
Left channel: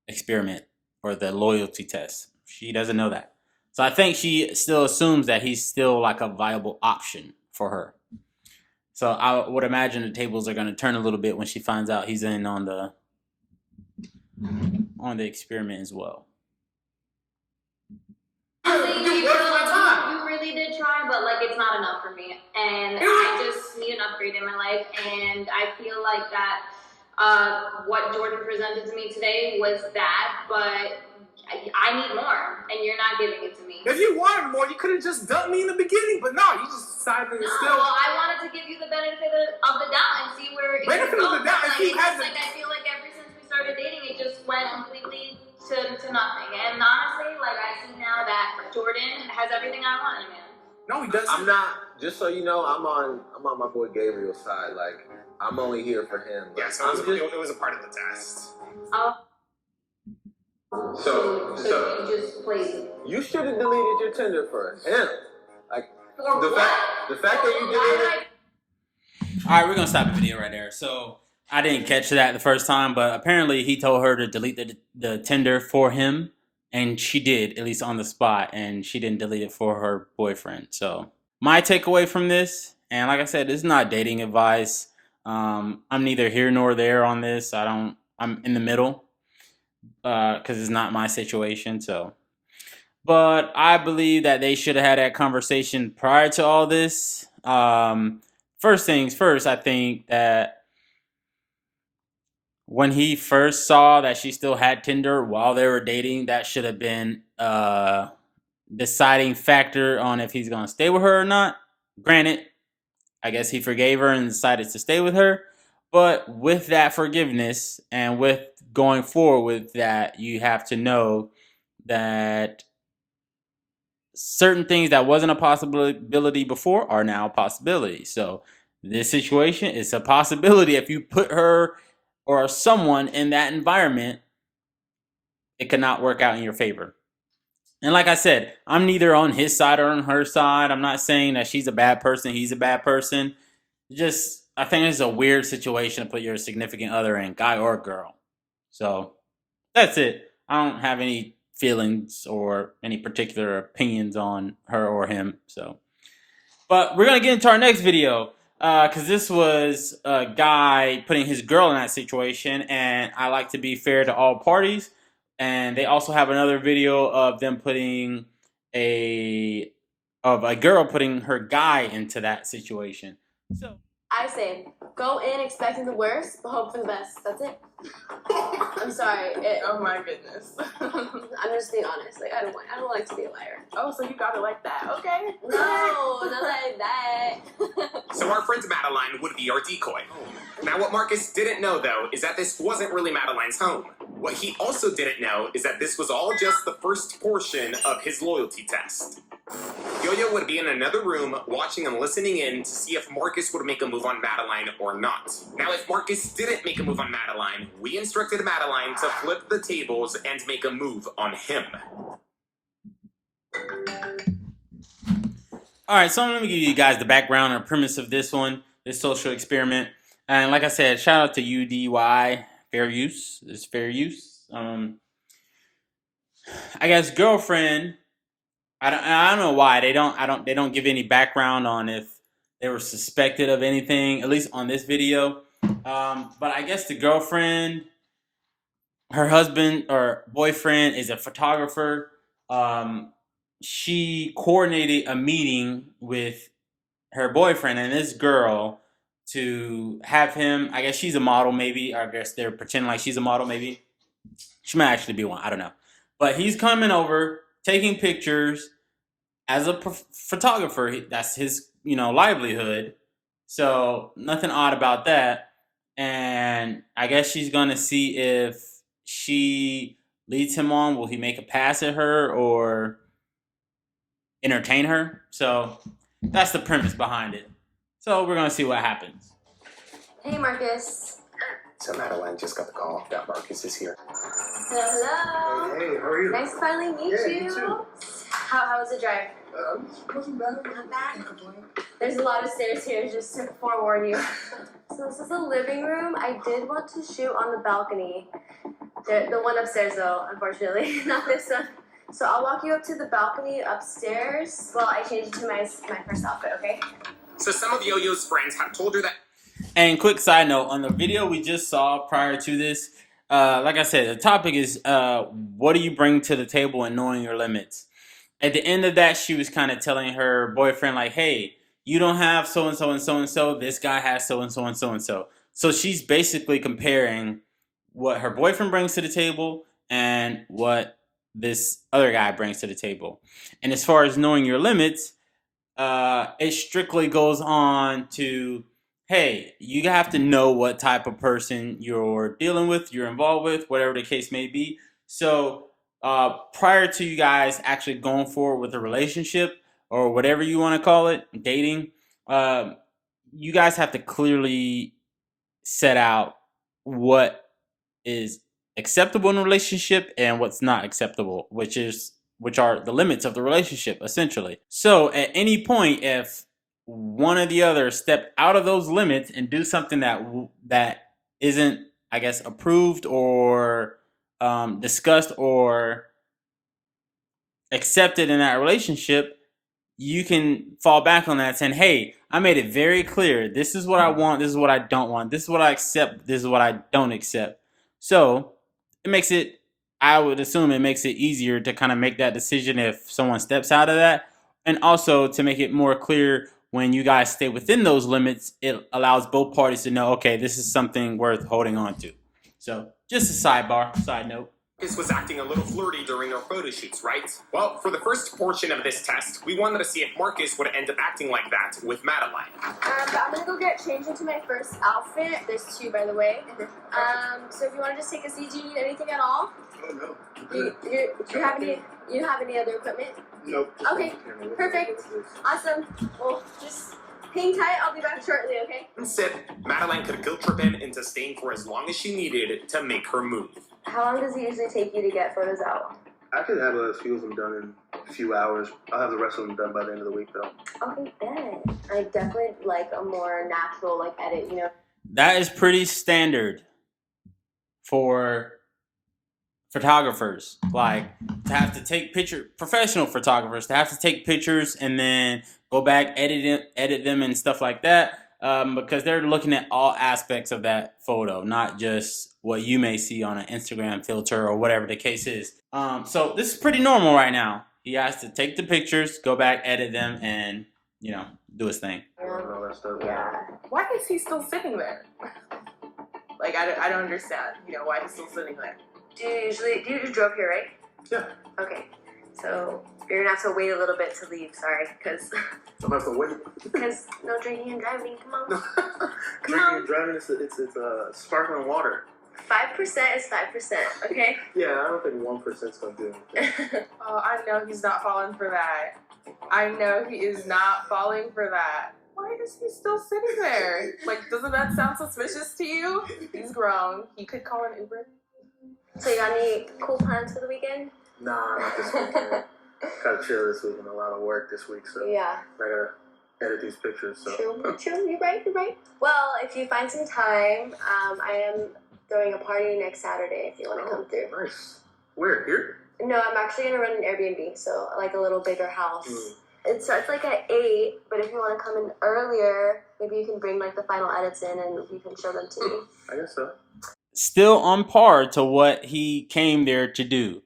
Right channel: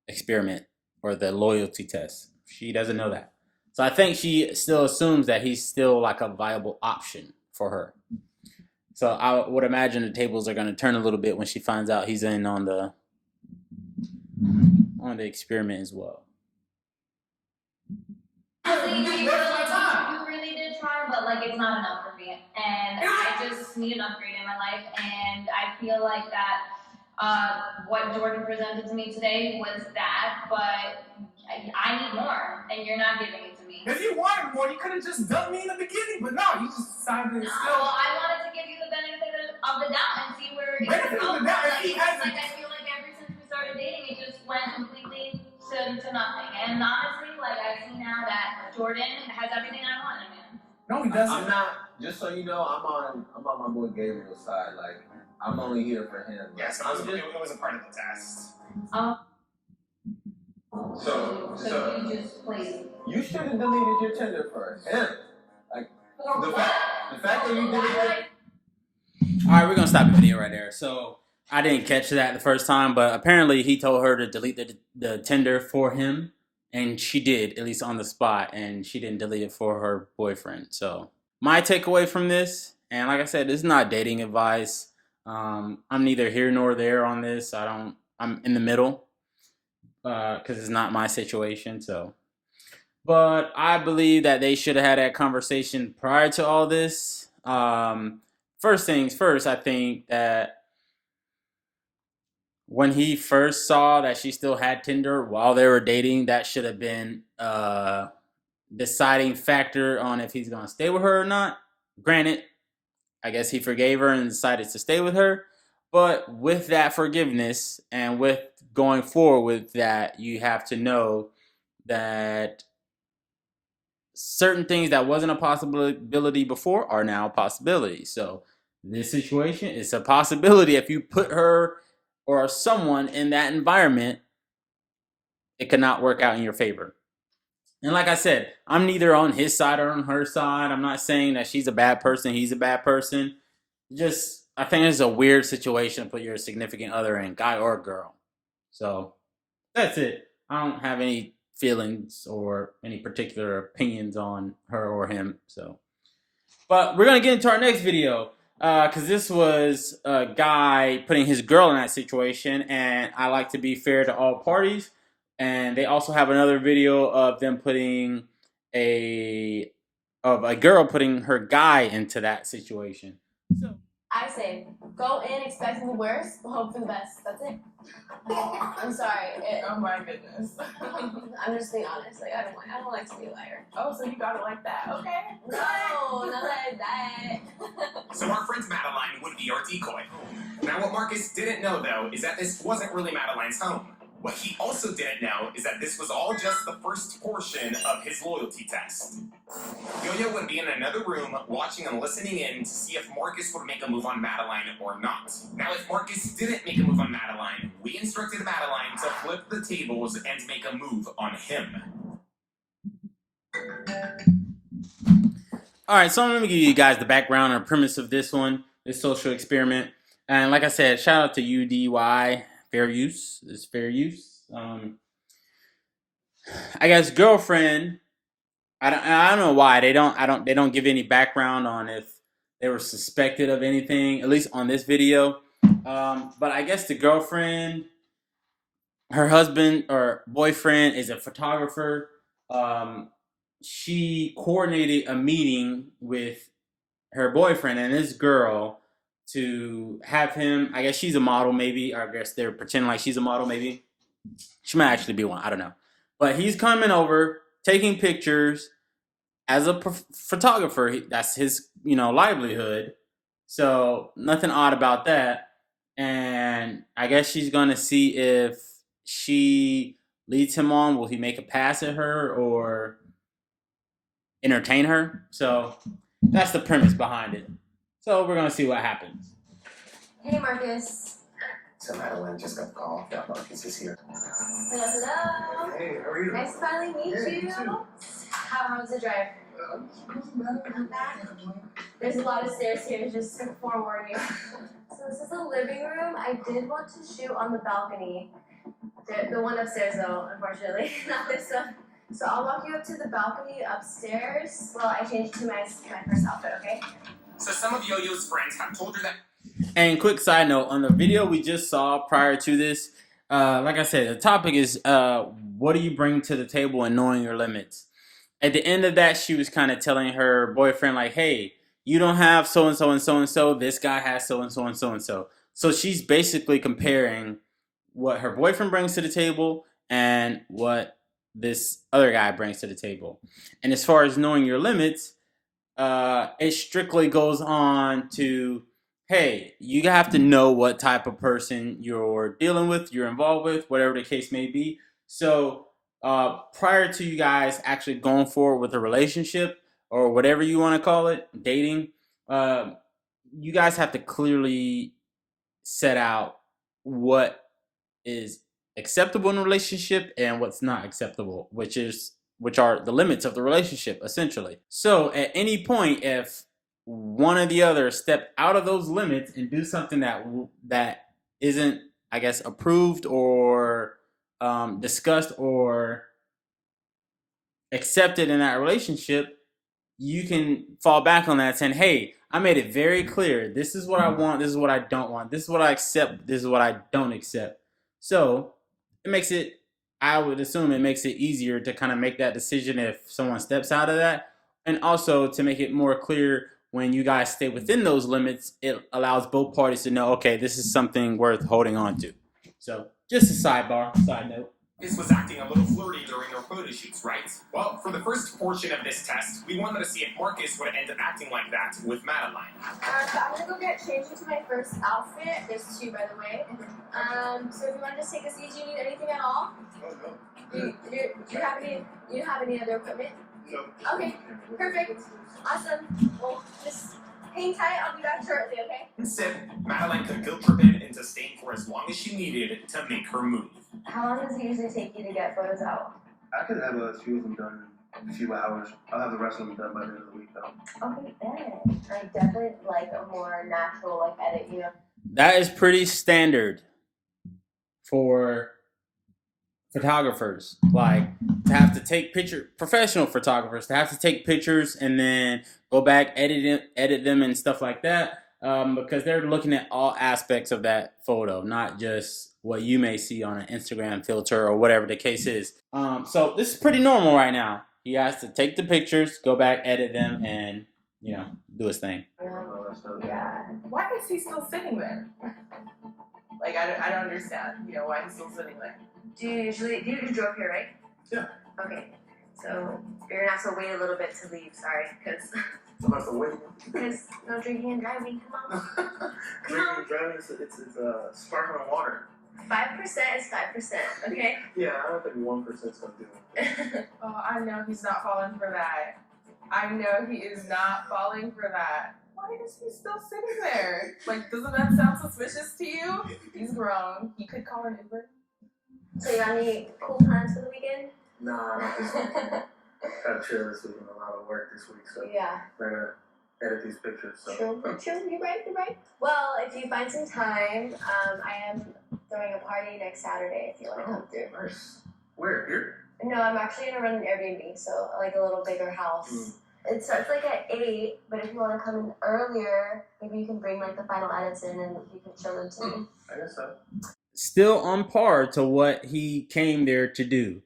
experiment or the loyalty test. She doesn't know that. So I think she still assumes that he's still a viable option for her. So I would imagine the tables are going to turn a little bit when she finds out he's in on the experiment as well. You really did try, but it's not enough for me. And I just need an upgrade in my life. And I feel like that what Jordan presented to me today was that, but I need more, and you're not giving it to me. If you wanted more, you could have just dumped me in the beginning, but no, you just decided to still. Well, I wanted to give you the benefit of the doubt and see where it benefit of the doubt. I feel like ever since we started dating, it just went completely to nothing. And honestly, I see now that Jordan has everything I want in a man. No, he doesn't. I'm not. Just so you know, I'm on my boy Gabriel's side. I'm only here for him. yeah, so it was a part of the test. Oh. So you just played. You should have deleted your Tinder for him. For The what? fact that you deleted. All right, we're going to stop the video right there. So I didn't catch that the first time, but apparently he told her to delete the Tinder for him. And she did, at least on the spot. And she didn't delete it for her boyfriend. So my takeaway from this, and like I said, this is not dating advice. I'm neither here nor there on this. I'm in the middle because it's not my situation. So, but I believe that they should have had that conversation prior to all this. First things first, I think that when he first saw that she still had Tinder while they were dating, that should have been a deciding factor on if he's going to stay with her or not. Granted, I guess he forgave her and decided to stay with her. But with that forgiveness and with going forward with that, you have to know that certain things that wasn't a possibility before are now a possibility. So this situation is a possibility. If you put her or someone in that environment, it could not work out in your favor. And like I said, I'm neither on his side or on her side. I'm not saying that she's a bad person, he's a bad person. Just, I think it's a weird situation to put your significant other in, guy or girl. So that's it. I don't have any feelings or any particular opinions on her or him. So, but we're gonna get into our next video because this was a guy putting his girl in that situation, and I like to be fair to all parties. And they also have another video of them putting a girl putting her guy into that situation. So I say, go in expecting the worst, but hope for the best. That's it. I'm sorry. Oh my goodness. I'm just being honest. Like I don't like to be a liar. Oh, so you got it like that? Okay. No, not like that. So our friend Madeline would be our decoy. Now what Marcus didn't know though is that this wasn't really Madeline's home. What he also didn't know is that this was all just the first portion of his loyalty test. Yo-Yo would be in another room watching and listening in to see if Marcus would make a move on Madeline or not. Now if Marcus didn't make a move on Madeline, we instructed Madeline to flip the tables and make a move on him. alright, so I'm going to give you guys the background and premise of this one, this social experiment. And like I said, shout out to UDY, fair use. It's fair use. I guess girlfriend, I don't know why they don't give any background on if they were suspected of anything, at least on this video. But I guess the girlfriend, her husband or boyfriend is a photographer. She coordinated a meeting with her boyfriend and this girl to have him, I guess she's a model maybe, or I guess they're pretending like she's a model maybe. She might actually be one, I don't know. But he's coming over, taking pictures as a photographer. That's his, livelihood. So nothing odd about that. And I guess she's going to see if she leads him on. Will he make a pass at her or entertain her? So that's the premise behind it. So we're going to see what happens. Hey, Marcus. So Madeline just got the call that Marcus is here. Hello. Hey, how are you? Nice to finally meet Yeah, you. you too. How was the drive? Wasn't bad. Not bad. There's a lot of stairs here, just to forewarn you. So this is the living room. I did want to shoot on the balcony. The one upstairs, though, unfortunately, not this one. So I'll walk you up to the balcony upstairs while I change to my first outfit, okay? So some of Yo-Yo's friends have told her that. And quick side note, on the video we just saw prior to this, like I said, the topic is what do you bring to the table and knowing your limits. At the end of that, she was kind of telling her boyfriend, like, hey, you don't have so-and-so and so-and-so. This guy has so-and-so and so-and-so. So she's basically comparing what her boyfriend brings to the table and what this other guy brings to the table. And as far as knowing your limits, it strictly goes on to, hey, you have to know what type of person you're dealing with, you're involved with, whatever the case may be. So prior to you guys actually going forward with a relationship or whatever you want to call it, dating, you guys have to clearly set out what is acceptable in a relationship and what's not acceptable, which are the limits of the relationship, essentially. So at any point, if one or the other step out of those limits and do something that isn't, I guess, approved or discussed or accepted in that relationship, you can fall back on that saying, hey, I made it very clear. This is what I want. This is what I don't want. This is what I accept. This is what I don't accept. So it makes it, I would assume it makes it easier to kind of make that decision if someone steps out of that. And also to make it more clear when you guys stay within those limits, it allows both parties to know, okay, this is something worth holding on to. So just a side note. Marcus was acting a little flirty during our photo shoots, right? Well, for the first portion of this test, we wanted to see if Marcus would end up acting like that with Madeline. I'm gonna go get changed into my first outfit. There's two, by the way. So if you want to just take a seat, do you need anything at all? Oh, no. Do you have any other equipment? Nope. Okay, perfect. Awesome. Well, just hang tight. I'll be back shortly, okay? Instead, Madeline could guilt trip him into staying for as long as she needed to make her move. How long does it usually take you to get photos out? I could have a few of them done in a few hours. I'll have the rest of them done by the end of the week, though. Okay, bet. I definitely like a more natural, like, edit, you know? That is pretty standard for photographers. Like, to have to take professional photographers, to have to take pictures and then go back, edit them and stuff like that. Because they're looking at all aspects of that photo, not just what you may see on an Instagram filter or whatever the case is. So this is pretty normal right now. He has to take the pictures, go back, edit them, and, do his thing. Yeah. Why is he still sitting there? Like, I don't understand, why he's still sitting there. You drove here, right? Yeah. Okay. So you're gonna have to wait a little bit to leave, sorry, I'm have to wait. because no drinking and driving, come on. Drinking and driving, it's sparkling water. 5% is 5%, okay? Yeah, I don't think 1%'s gonna do it. Oh, I know he's not falling for that. I know he is not falling for that. Why is he still sitting there? Like, doesn't that sound suspicious to you? He's grown. He could call an Uber. So you got any cool plans for the weekend? Nah, not this weekend. Gotta chill this week and a lot of work this week, so Yeah. I gotta edit these pictures. So. True, you're right. Well, if you find some time, I am throwing a party next Saturday if you want to come through. Nice. Where? Here? No, I'm actually gonna run an Airbnb, so like a little bigger house. It starts like at 8, but if you want to come in earlier, maybe you can bring like the final edits in and you can show them to me. I guess so. Still on par to what he came there to do.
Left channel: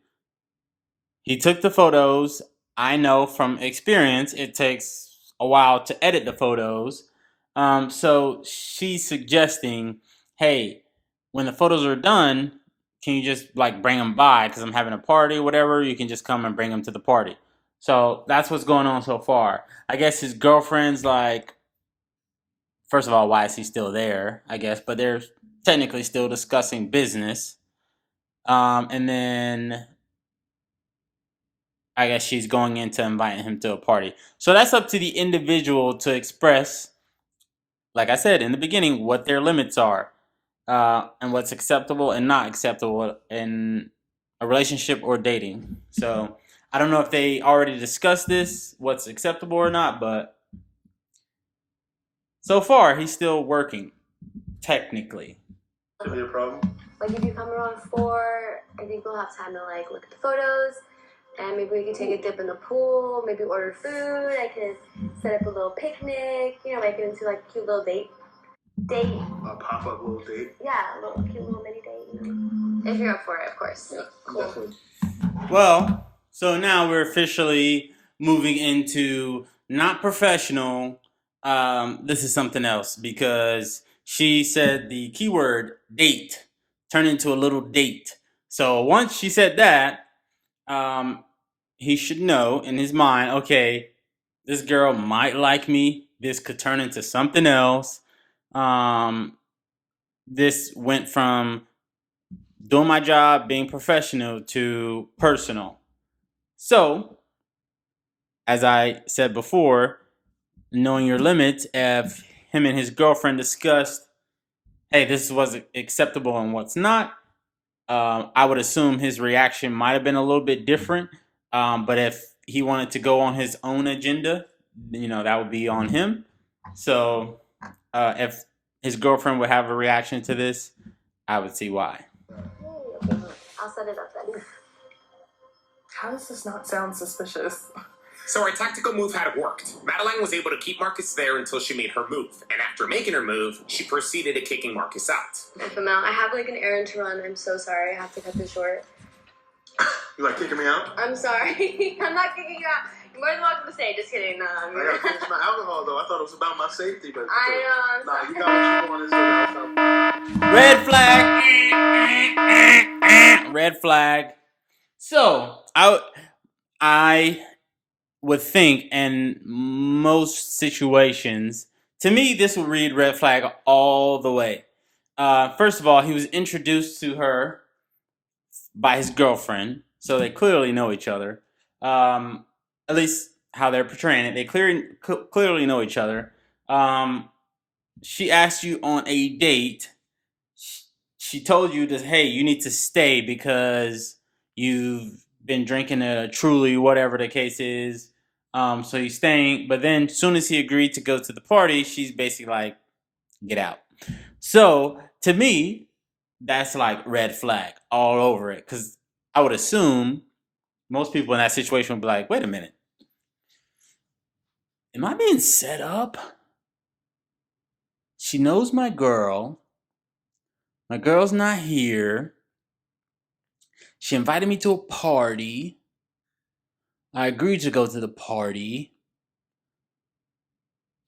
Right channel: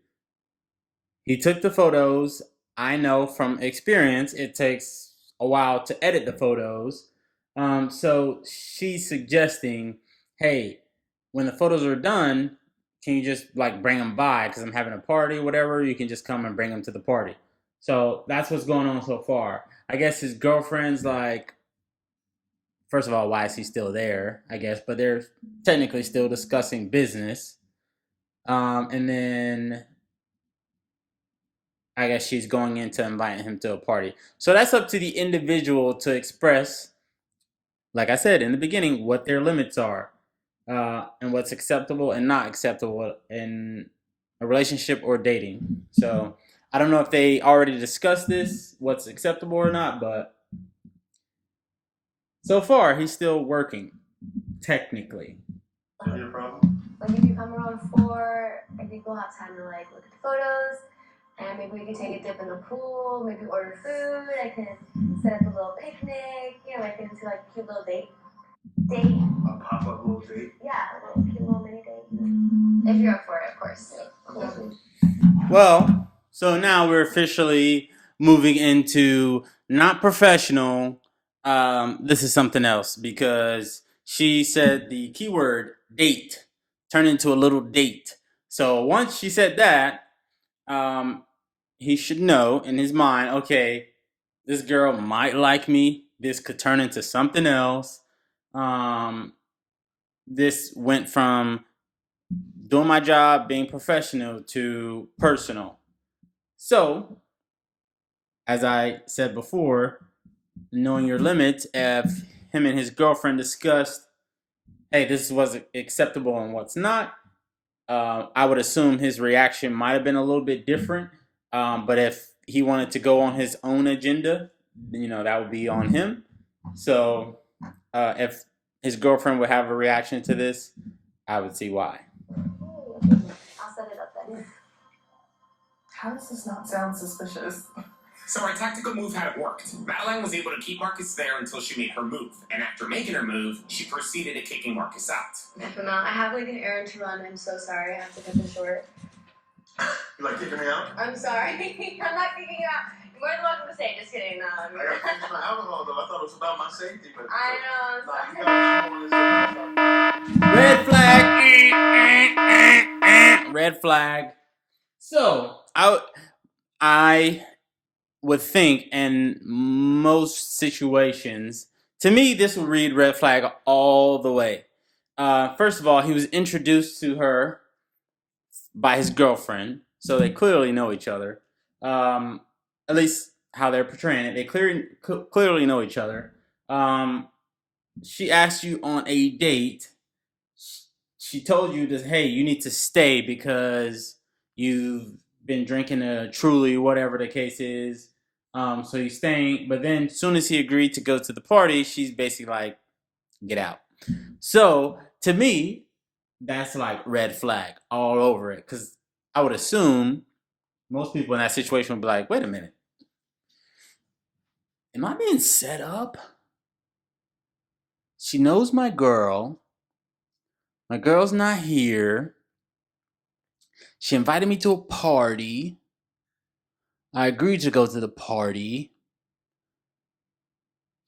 He took the photos. I know from experience it takes a while to edit the photos. So she's suggesting, hey, when the photos are done, can you just like bring them by? Because I'm having a party or whatever. You can just come and bring them to the party. So that's what's going on so far. I guess his girlfriend's like, first of all, why is he still there? I guess, but they're technically still discussing business. And then I guess she's going into inviting him to a party. So that's up to the individual to express, like I said in the beginning, what their limits are, and what's acceptable and not acceptable in a relationship or dating. So I don't know if they already discussed this, what's acceptable or not, but so far he's still working, technically. Is there a problem? Like if you come around 4, I think we'll have time to like look at the photos, and maybe we can take a dip in the pool, maybe order food. I can set up a little picnic, make it into like a cute little date. A pop-up little date? Yeah, a little cute little mini date. If you're up for it, of course. Yeah, Cool. Well, so now we're officially moving into not professional. This is something else because she said the keyword date turned into a little date. So once she said that, he should know in his mind, okay, this girl might like me. This could turn into something else. This went from doing my job, being professional, to personal. So, as I said before, knowing your limits, if him and his girlfriend discussed, hey, this was acceptable and what's not, I would assume his reaction might have been a little bit different. But if he wanted to go on his own agenda, that would be on him. So if his girlfriend would have a reaction to this, I would see why. I'll set it up then. How does this not sound suspicious? So her tactical move had worked. Madeline was able to keep Marcus there until she made her move. And after making her move, she proceeded to kicking Marcus out. FML, I have like an errand to run. I'm so sorry. I have to cut this short. You like kicking me out? I'm sorry. I'm not kicking you out. You're more than welcome to stay. Just kidding. I gotta finish my alcohol though. I thought it was about my safety, but I know. I'm you sorry. got what you wanted, Red flag. Red flag. So I would think in most situations To me, this would read red flag all the way. First of all, he was introduced to her by his girlfriend, so they clearly know each other. At least how they're portraying it, they clearly know each other. She asked you on a date. She told you that, hey, you need to stay because you've been drinking a Truly, whatever the case is. So he's staying. But then as soon as he agreed to go to the party, she's basically like, get out. So to me, that's like red flag all over it. Because I would assume most people in that situation would be like, wait a minute. Am I being set up? She knows my girl. My girl's not here. She invited me to a party. I agreed to go to the party.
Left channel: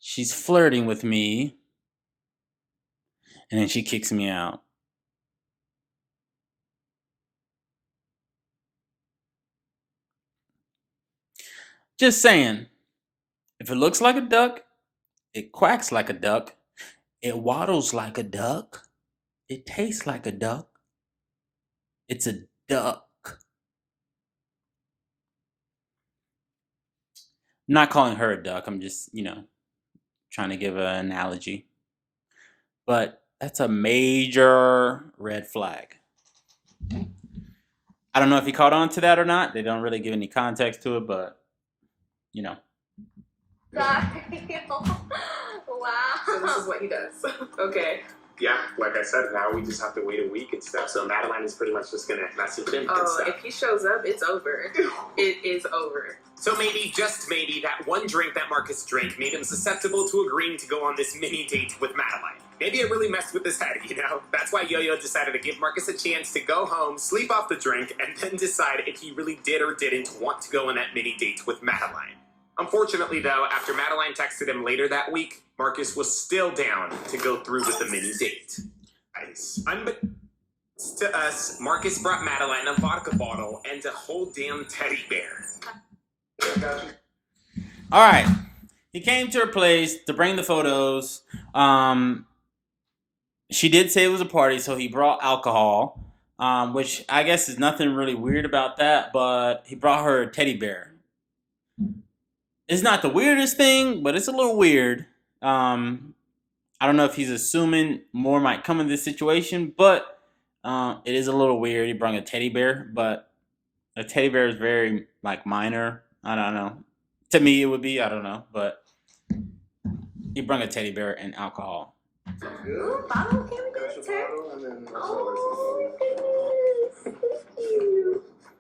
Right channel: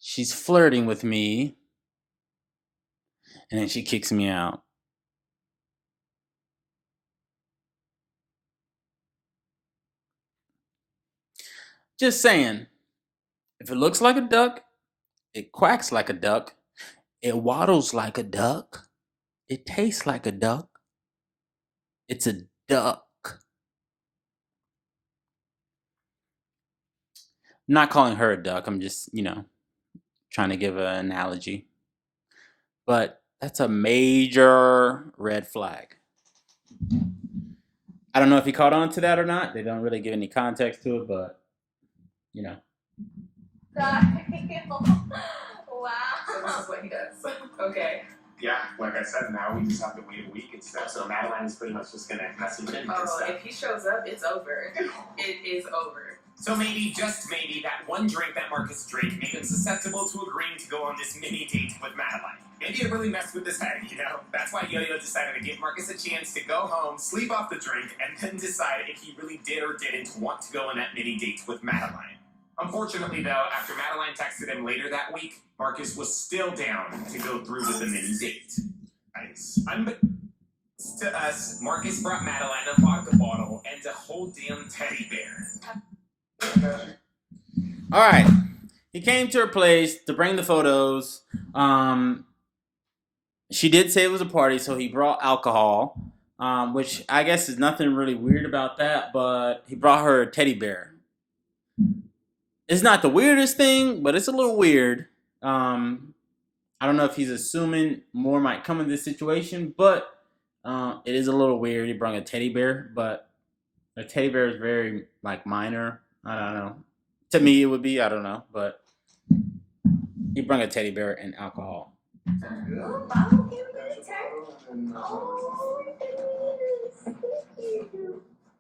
She's flirting with me. And then she kicks me out. Just saying. If it looks like a duck, it quacks like a duck. It waddles like a duck. It tastes like a duck. It's a duck. I'm not calling her a duck. I'm just, trying to give an analogy. But that's a major red flag. I don't know if he caught on to that or not. They don't really give any context to it, but, Wow. So this is what he does. Okay. Yeah, like I said, now we just have to wait a week and stuff. So Madeline is pretty much just gonna message him and Oh, stuff. if he shows up, it's over. It is over. So maybe, just maybe, that one drink that Marcus drank made him susceptible to agreeing to go on this mini date with Madeline. Maybe it really messed with his head, That's why Yo-Yo decided to give Marcus a chance to go home, sleep off the drink, and then decide if he really did or didn't want to go on that mini date with Madeline. Unfortunately, though, after Madeline texted him later that week, Marcus was still down to go through with the mini date. Nice. Unbeknownst to us, Marcus brought Madeline a vodka bottle and a whole damn teddy bear. all right. He came to her place to bring the photos. She did say it was a party, so he brought alcohol, which I guess is nothing really weird about that, but he brought her a teddy bear. It's not the weirdest thing, but it's a little weird. I don't know if he's assuming more might come in this situation, but it is a little weird. He brought a teddy bear, but a teddy bear is very minor. I don't know. To me, it would be. I don't know, but he brought a teddy bear and alcohol. Ooh, bottle, can we get a turn? Oh,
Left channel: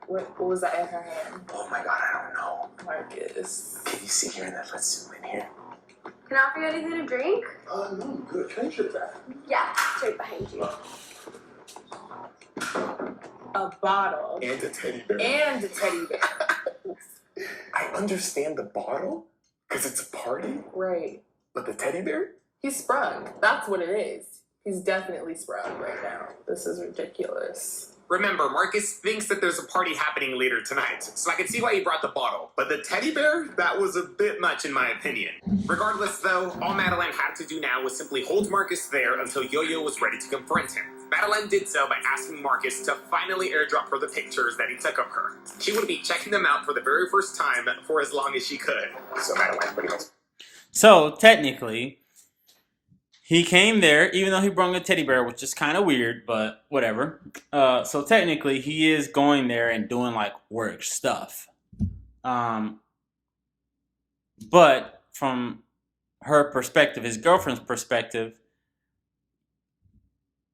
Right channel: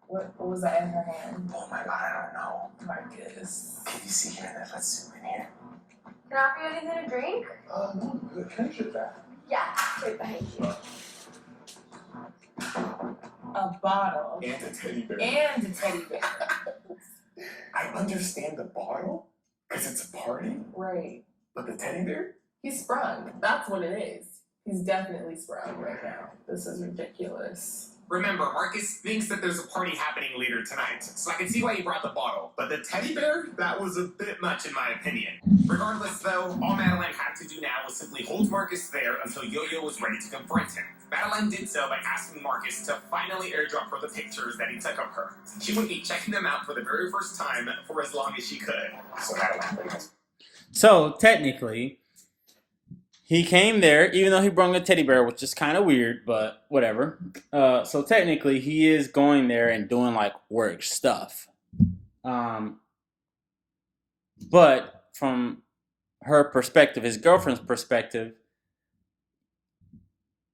What was that in her hand? Oh my god, I don't know. Marcus. Can you see here that? Let's zoom in here. Can I offer you anything to drink? No, good. Can I check that? Yeah, right behind you. A bottle. And a teddy bear. And a teddy bear. I understand the bottle, because it's a party, Right. but the teddy bear? He's sprung. That's what it is. He's definitely sprung right now. This is ridiculous. Remember, Marcus thinks that there's a party happening later tonight, so I can see why he brought the bottle. But the teddy bear? That was a bit much in my opinion. Regardless, though, all Madeline had to do now was simply hold Marcus there until Yo-Yo was ready to confront him. Madeline did so by asking Marcus to finally airdrop her the pictures that he took of her. She would be checking them out for the very first time for as long as she could. So Madeline pretty much... So technically, he came there, even though he brought a teddy bear, which is kind of weird, but whatever. So technically, he is going there and doing work stuff. But from her perspective, his girlfriend's perspective,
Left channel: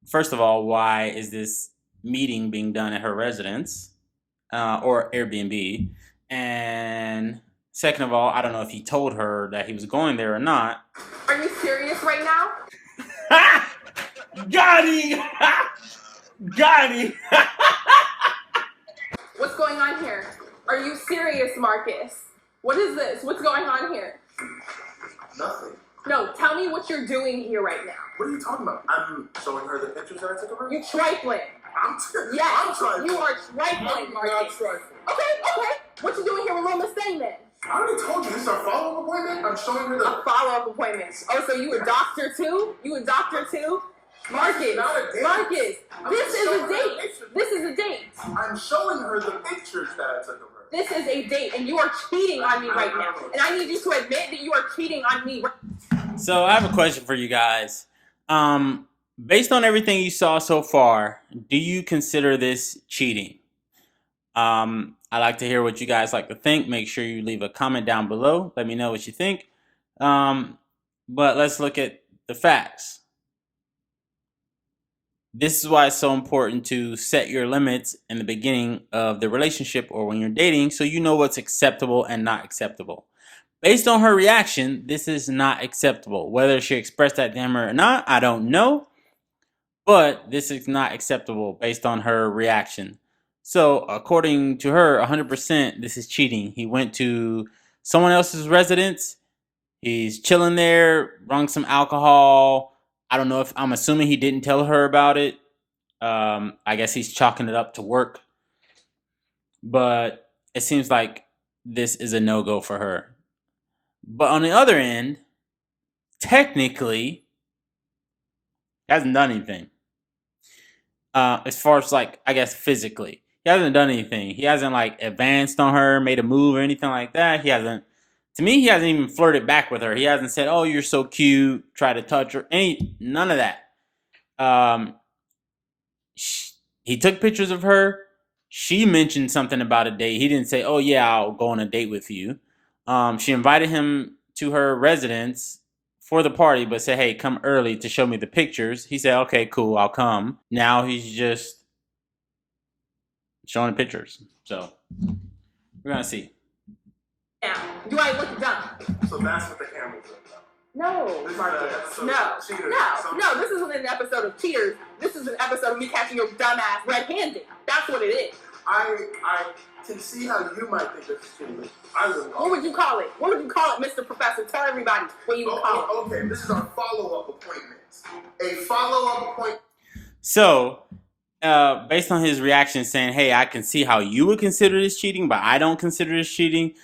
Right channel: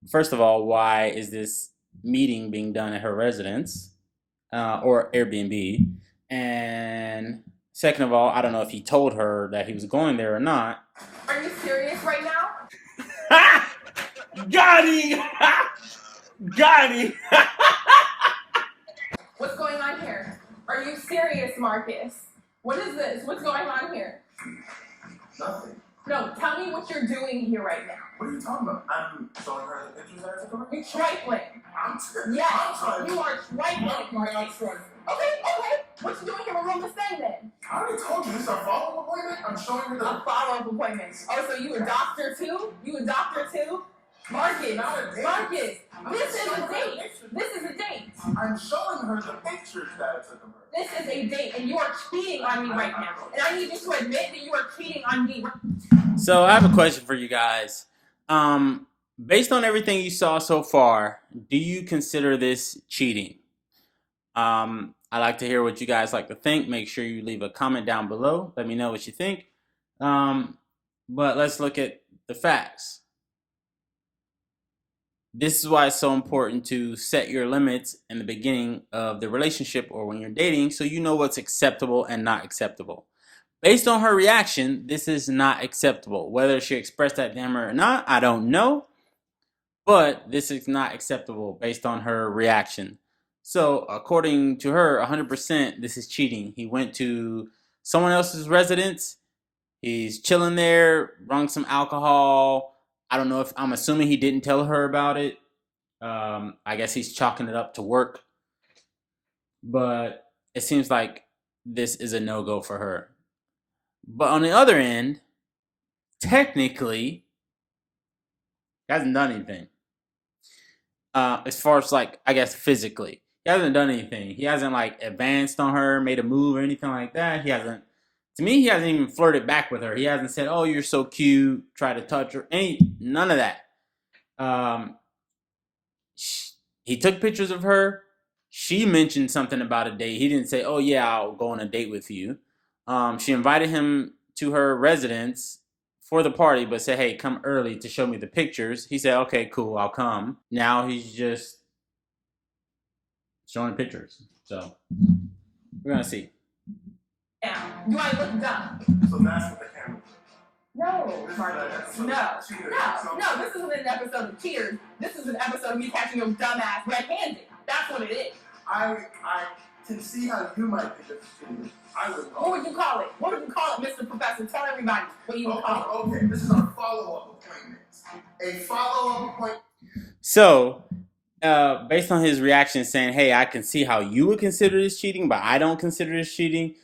first of all, why is this meeting being done at her residence or Airbnb? And second of all, I don't know if he told her that he was going there or not. Are you serious right now? Got him! Got him! What's going on here? Are you serious, Marcus? What is this? What's going on here? Nothing. No, tell me what you're doing here right now. What are you talking about? I'm showing her the pictures that I took of her. You're trifling. Yes, I'm sorry. you are trifling. I'm not trifling. Okay. What you doing here with Roma staying then? I already told you, this is a follow-up appointment. I'm showing her the... A follow-up appointment. Oh, so you a doctor too? You a doctor too? Marcus, Not a date. Marcus, I'm this just is showing a her the date. pictures. This is a date. I'm showing her the pictures that I took of her. This is a date, and you are cheating on me right now. And I need you to admit that you are cheating on me. So I have a question for you guys. Based on everything you saw so far, do you consider this cheating? I'd like to hear what you guys like to think. Make sure you leave a comment down below. Let me know what you think. But let's look at the facts. This is why it's so important to set your limits in the beginning of the relationship or when you're dating, so you know what's acceptable and not acceptable. Based on her reaction, this is not acceptable. Whether she expressed that to him or not, I don't know. But this is not acceptable based on her reaction. So according to her, 100% this is cheating. He went to someone else's residence. He's chilling there, drunk some alcohol. I don't know if, I'm assuming he didn't tell her about it. I guess he's chalking it up to work. But it seems like this is a no-go for her. But on the other end, technically, he hasn't done anything. As far as, like, I guess physically. He hasn't done anything. He hasn't, like, advanced on her, made a move or anything like that. He hasn't, to me, he hasn't even flirted back with her. He hasn't said, oh, you're so cute, try to touch her. None of that. He took pictures of her. She mentioned something about a date. He didn't say, oh, yeah, I'll go on a date with you. She invited him to her residence for the party, but said, hey, come early to show me the pictures. He said, okay, cool, I'll come. Now he's just showing the pictures. So we're going to see. Yeah, you ain't look dumb. So that's what the camera was about. No, This is Marcus. an episode No, of Cheaters. no, this isn't an episode of Cheaters. This is an episode of me catching your dumb ass red-handed. That's what it is. I can see how you might think this is cheating. I would What would you call it? What would you call it, Mr. Professor? Tell everybody what you would call it. Okay, this is our follow-up appointment. A follow-up appointment. So, based on his reaction saying, hey, I can see how you would consider this cheating, but I don't consider this cheating,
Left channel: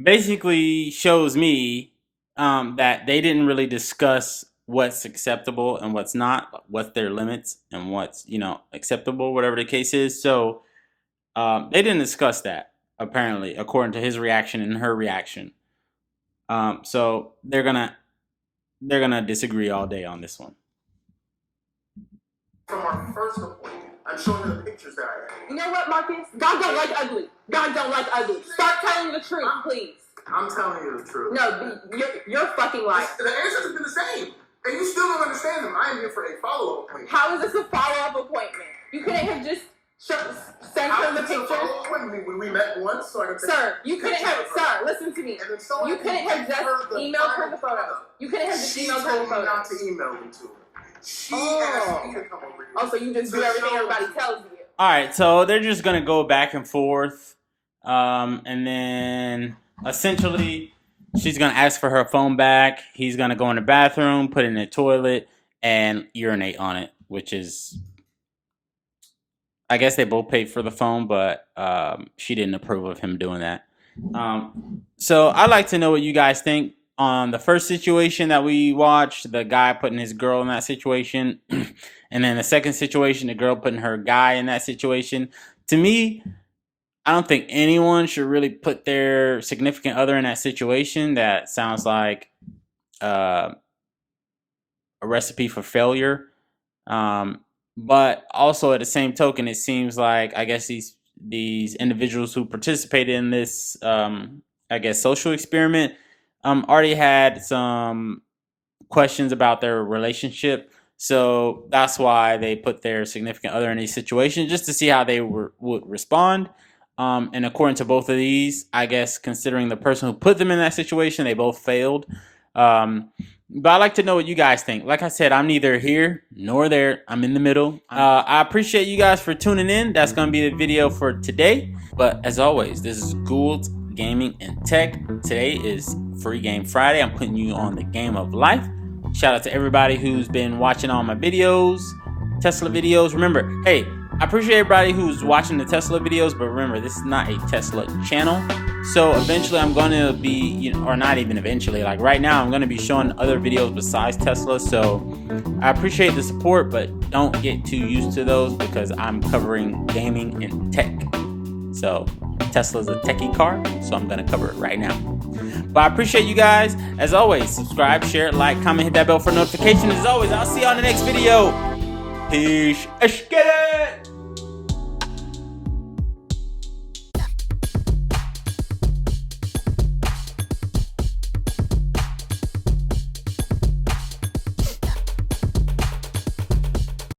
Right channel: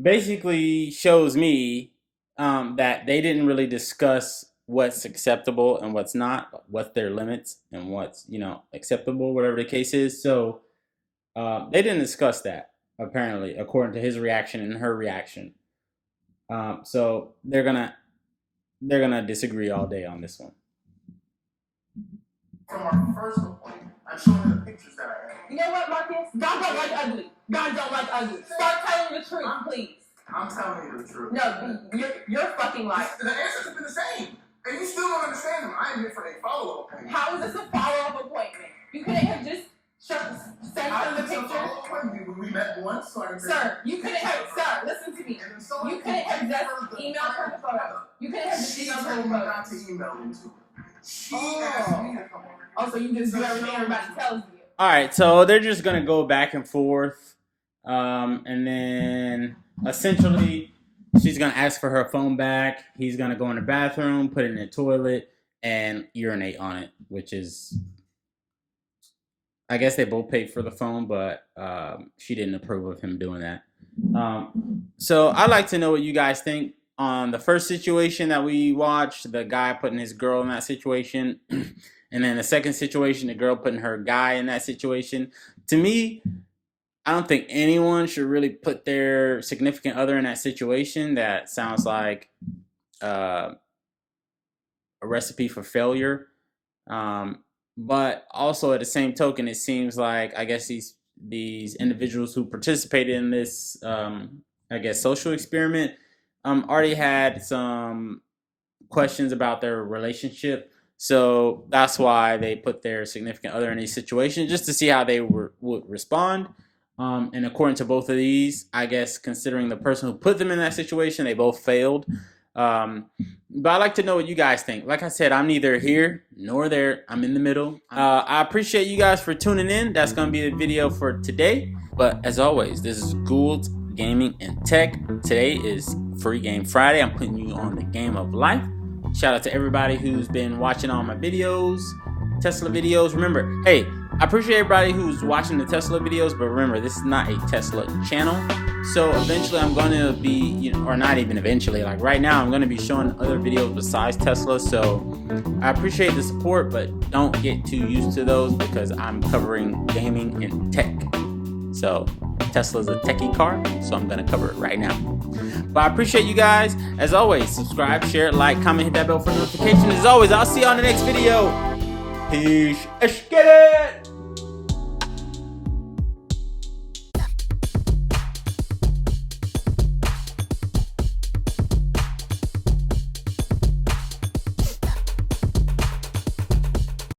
basically shows me that they didn't really discuss what's acceptable and what's not, what's their limits and what's, acceptable, whatever the case is. So they didn't discuss that, apparently, according to his reaction and her reaction. So they're gonna disagree all day on this one. From our first appointment, I'm showing her the pictures that I have. You know what, Marcus? God don't like ugly. God don't like ugly. Start telling the truth, please. I'm telling you the truth. No, you're fucking lying. The answers have been the same. And you still don't understand them. I am here for a follow-up appointment. How is this a follow-up appointment? You couldn't have just sent her the It's a picture? follow-up appointment when we met once, so I can Sir, you couldn't have, sir, listen to me. And then someone You couldn't have just the emailed her the photos. You couldn't have just She emailed her told the me not photos. to email them to her. She Oh. asked me to come over here. Oh, so you just do everything everybody tells you. All right, so they're just gonna go back and forth, and then essentially she's gonna ask for her phone back. He's gonna go in the bathroom, put it in the toilet, and urinate on it, which is, I guess they both paid for the phone, but she didn't approve of him doing that. So I'd like to know what you guys think on the first situation that we watched, the guy putting his girl in that situation, and then the second situation, the girl putting her guy in that situation. To me, I don't think anyone should really put their significant other in that situation. That sounds like a recipe for failure. But also at the same token, it seems like, I guess these individuals who participated in this, social experiment, already had some questions about their relationship. So that's why they put their significant other in these situations, just to see how they would respond. And according to both of these, I guess considering the person who put them in that situation, they both failed. But I'd like to know what you guys think. Like I said, I'm neither here nor there. I'm in the middle. I appreciate you guys for tuning in. That's going to be the video for today. But as always, this is Gould's gaming and tech. Today is Free Game Friday. I'm putting you on the game of life. Shout out to everybody who's been watching all my videos, Tesla videos. Remember, hey, I appreciate everybody who's watching the Tesla videos, but remember, this is not a Tesla channel. So eventually I'm going to be, or not even eventually, like right now, I'm going to be showing other videos besides Tesla. So I appreciate the support, but don't get too used to those because I'm covering gaming and tech. So Tesla's a techie car, so I'm going to cover it right now. But I appreciate you guys. As always, subscribe, share, like, comment, hit that bell for notifications. As always, I'll see you on the next video. Peace. Let's get it.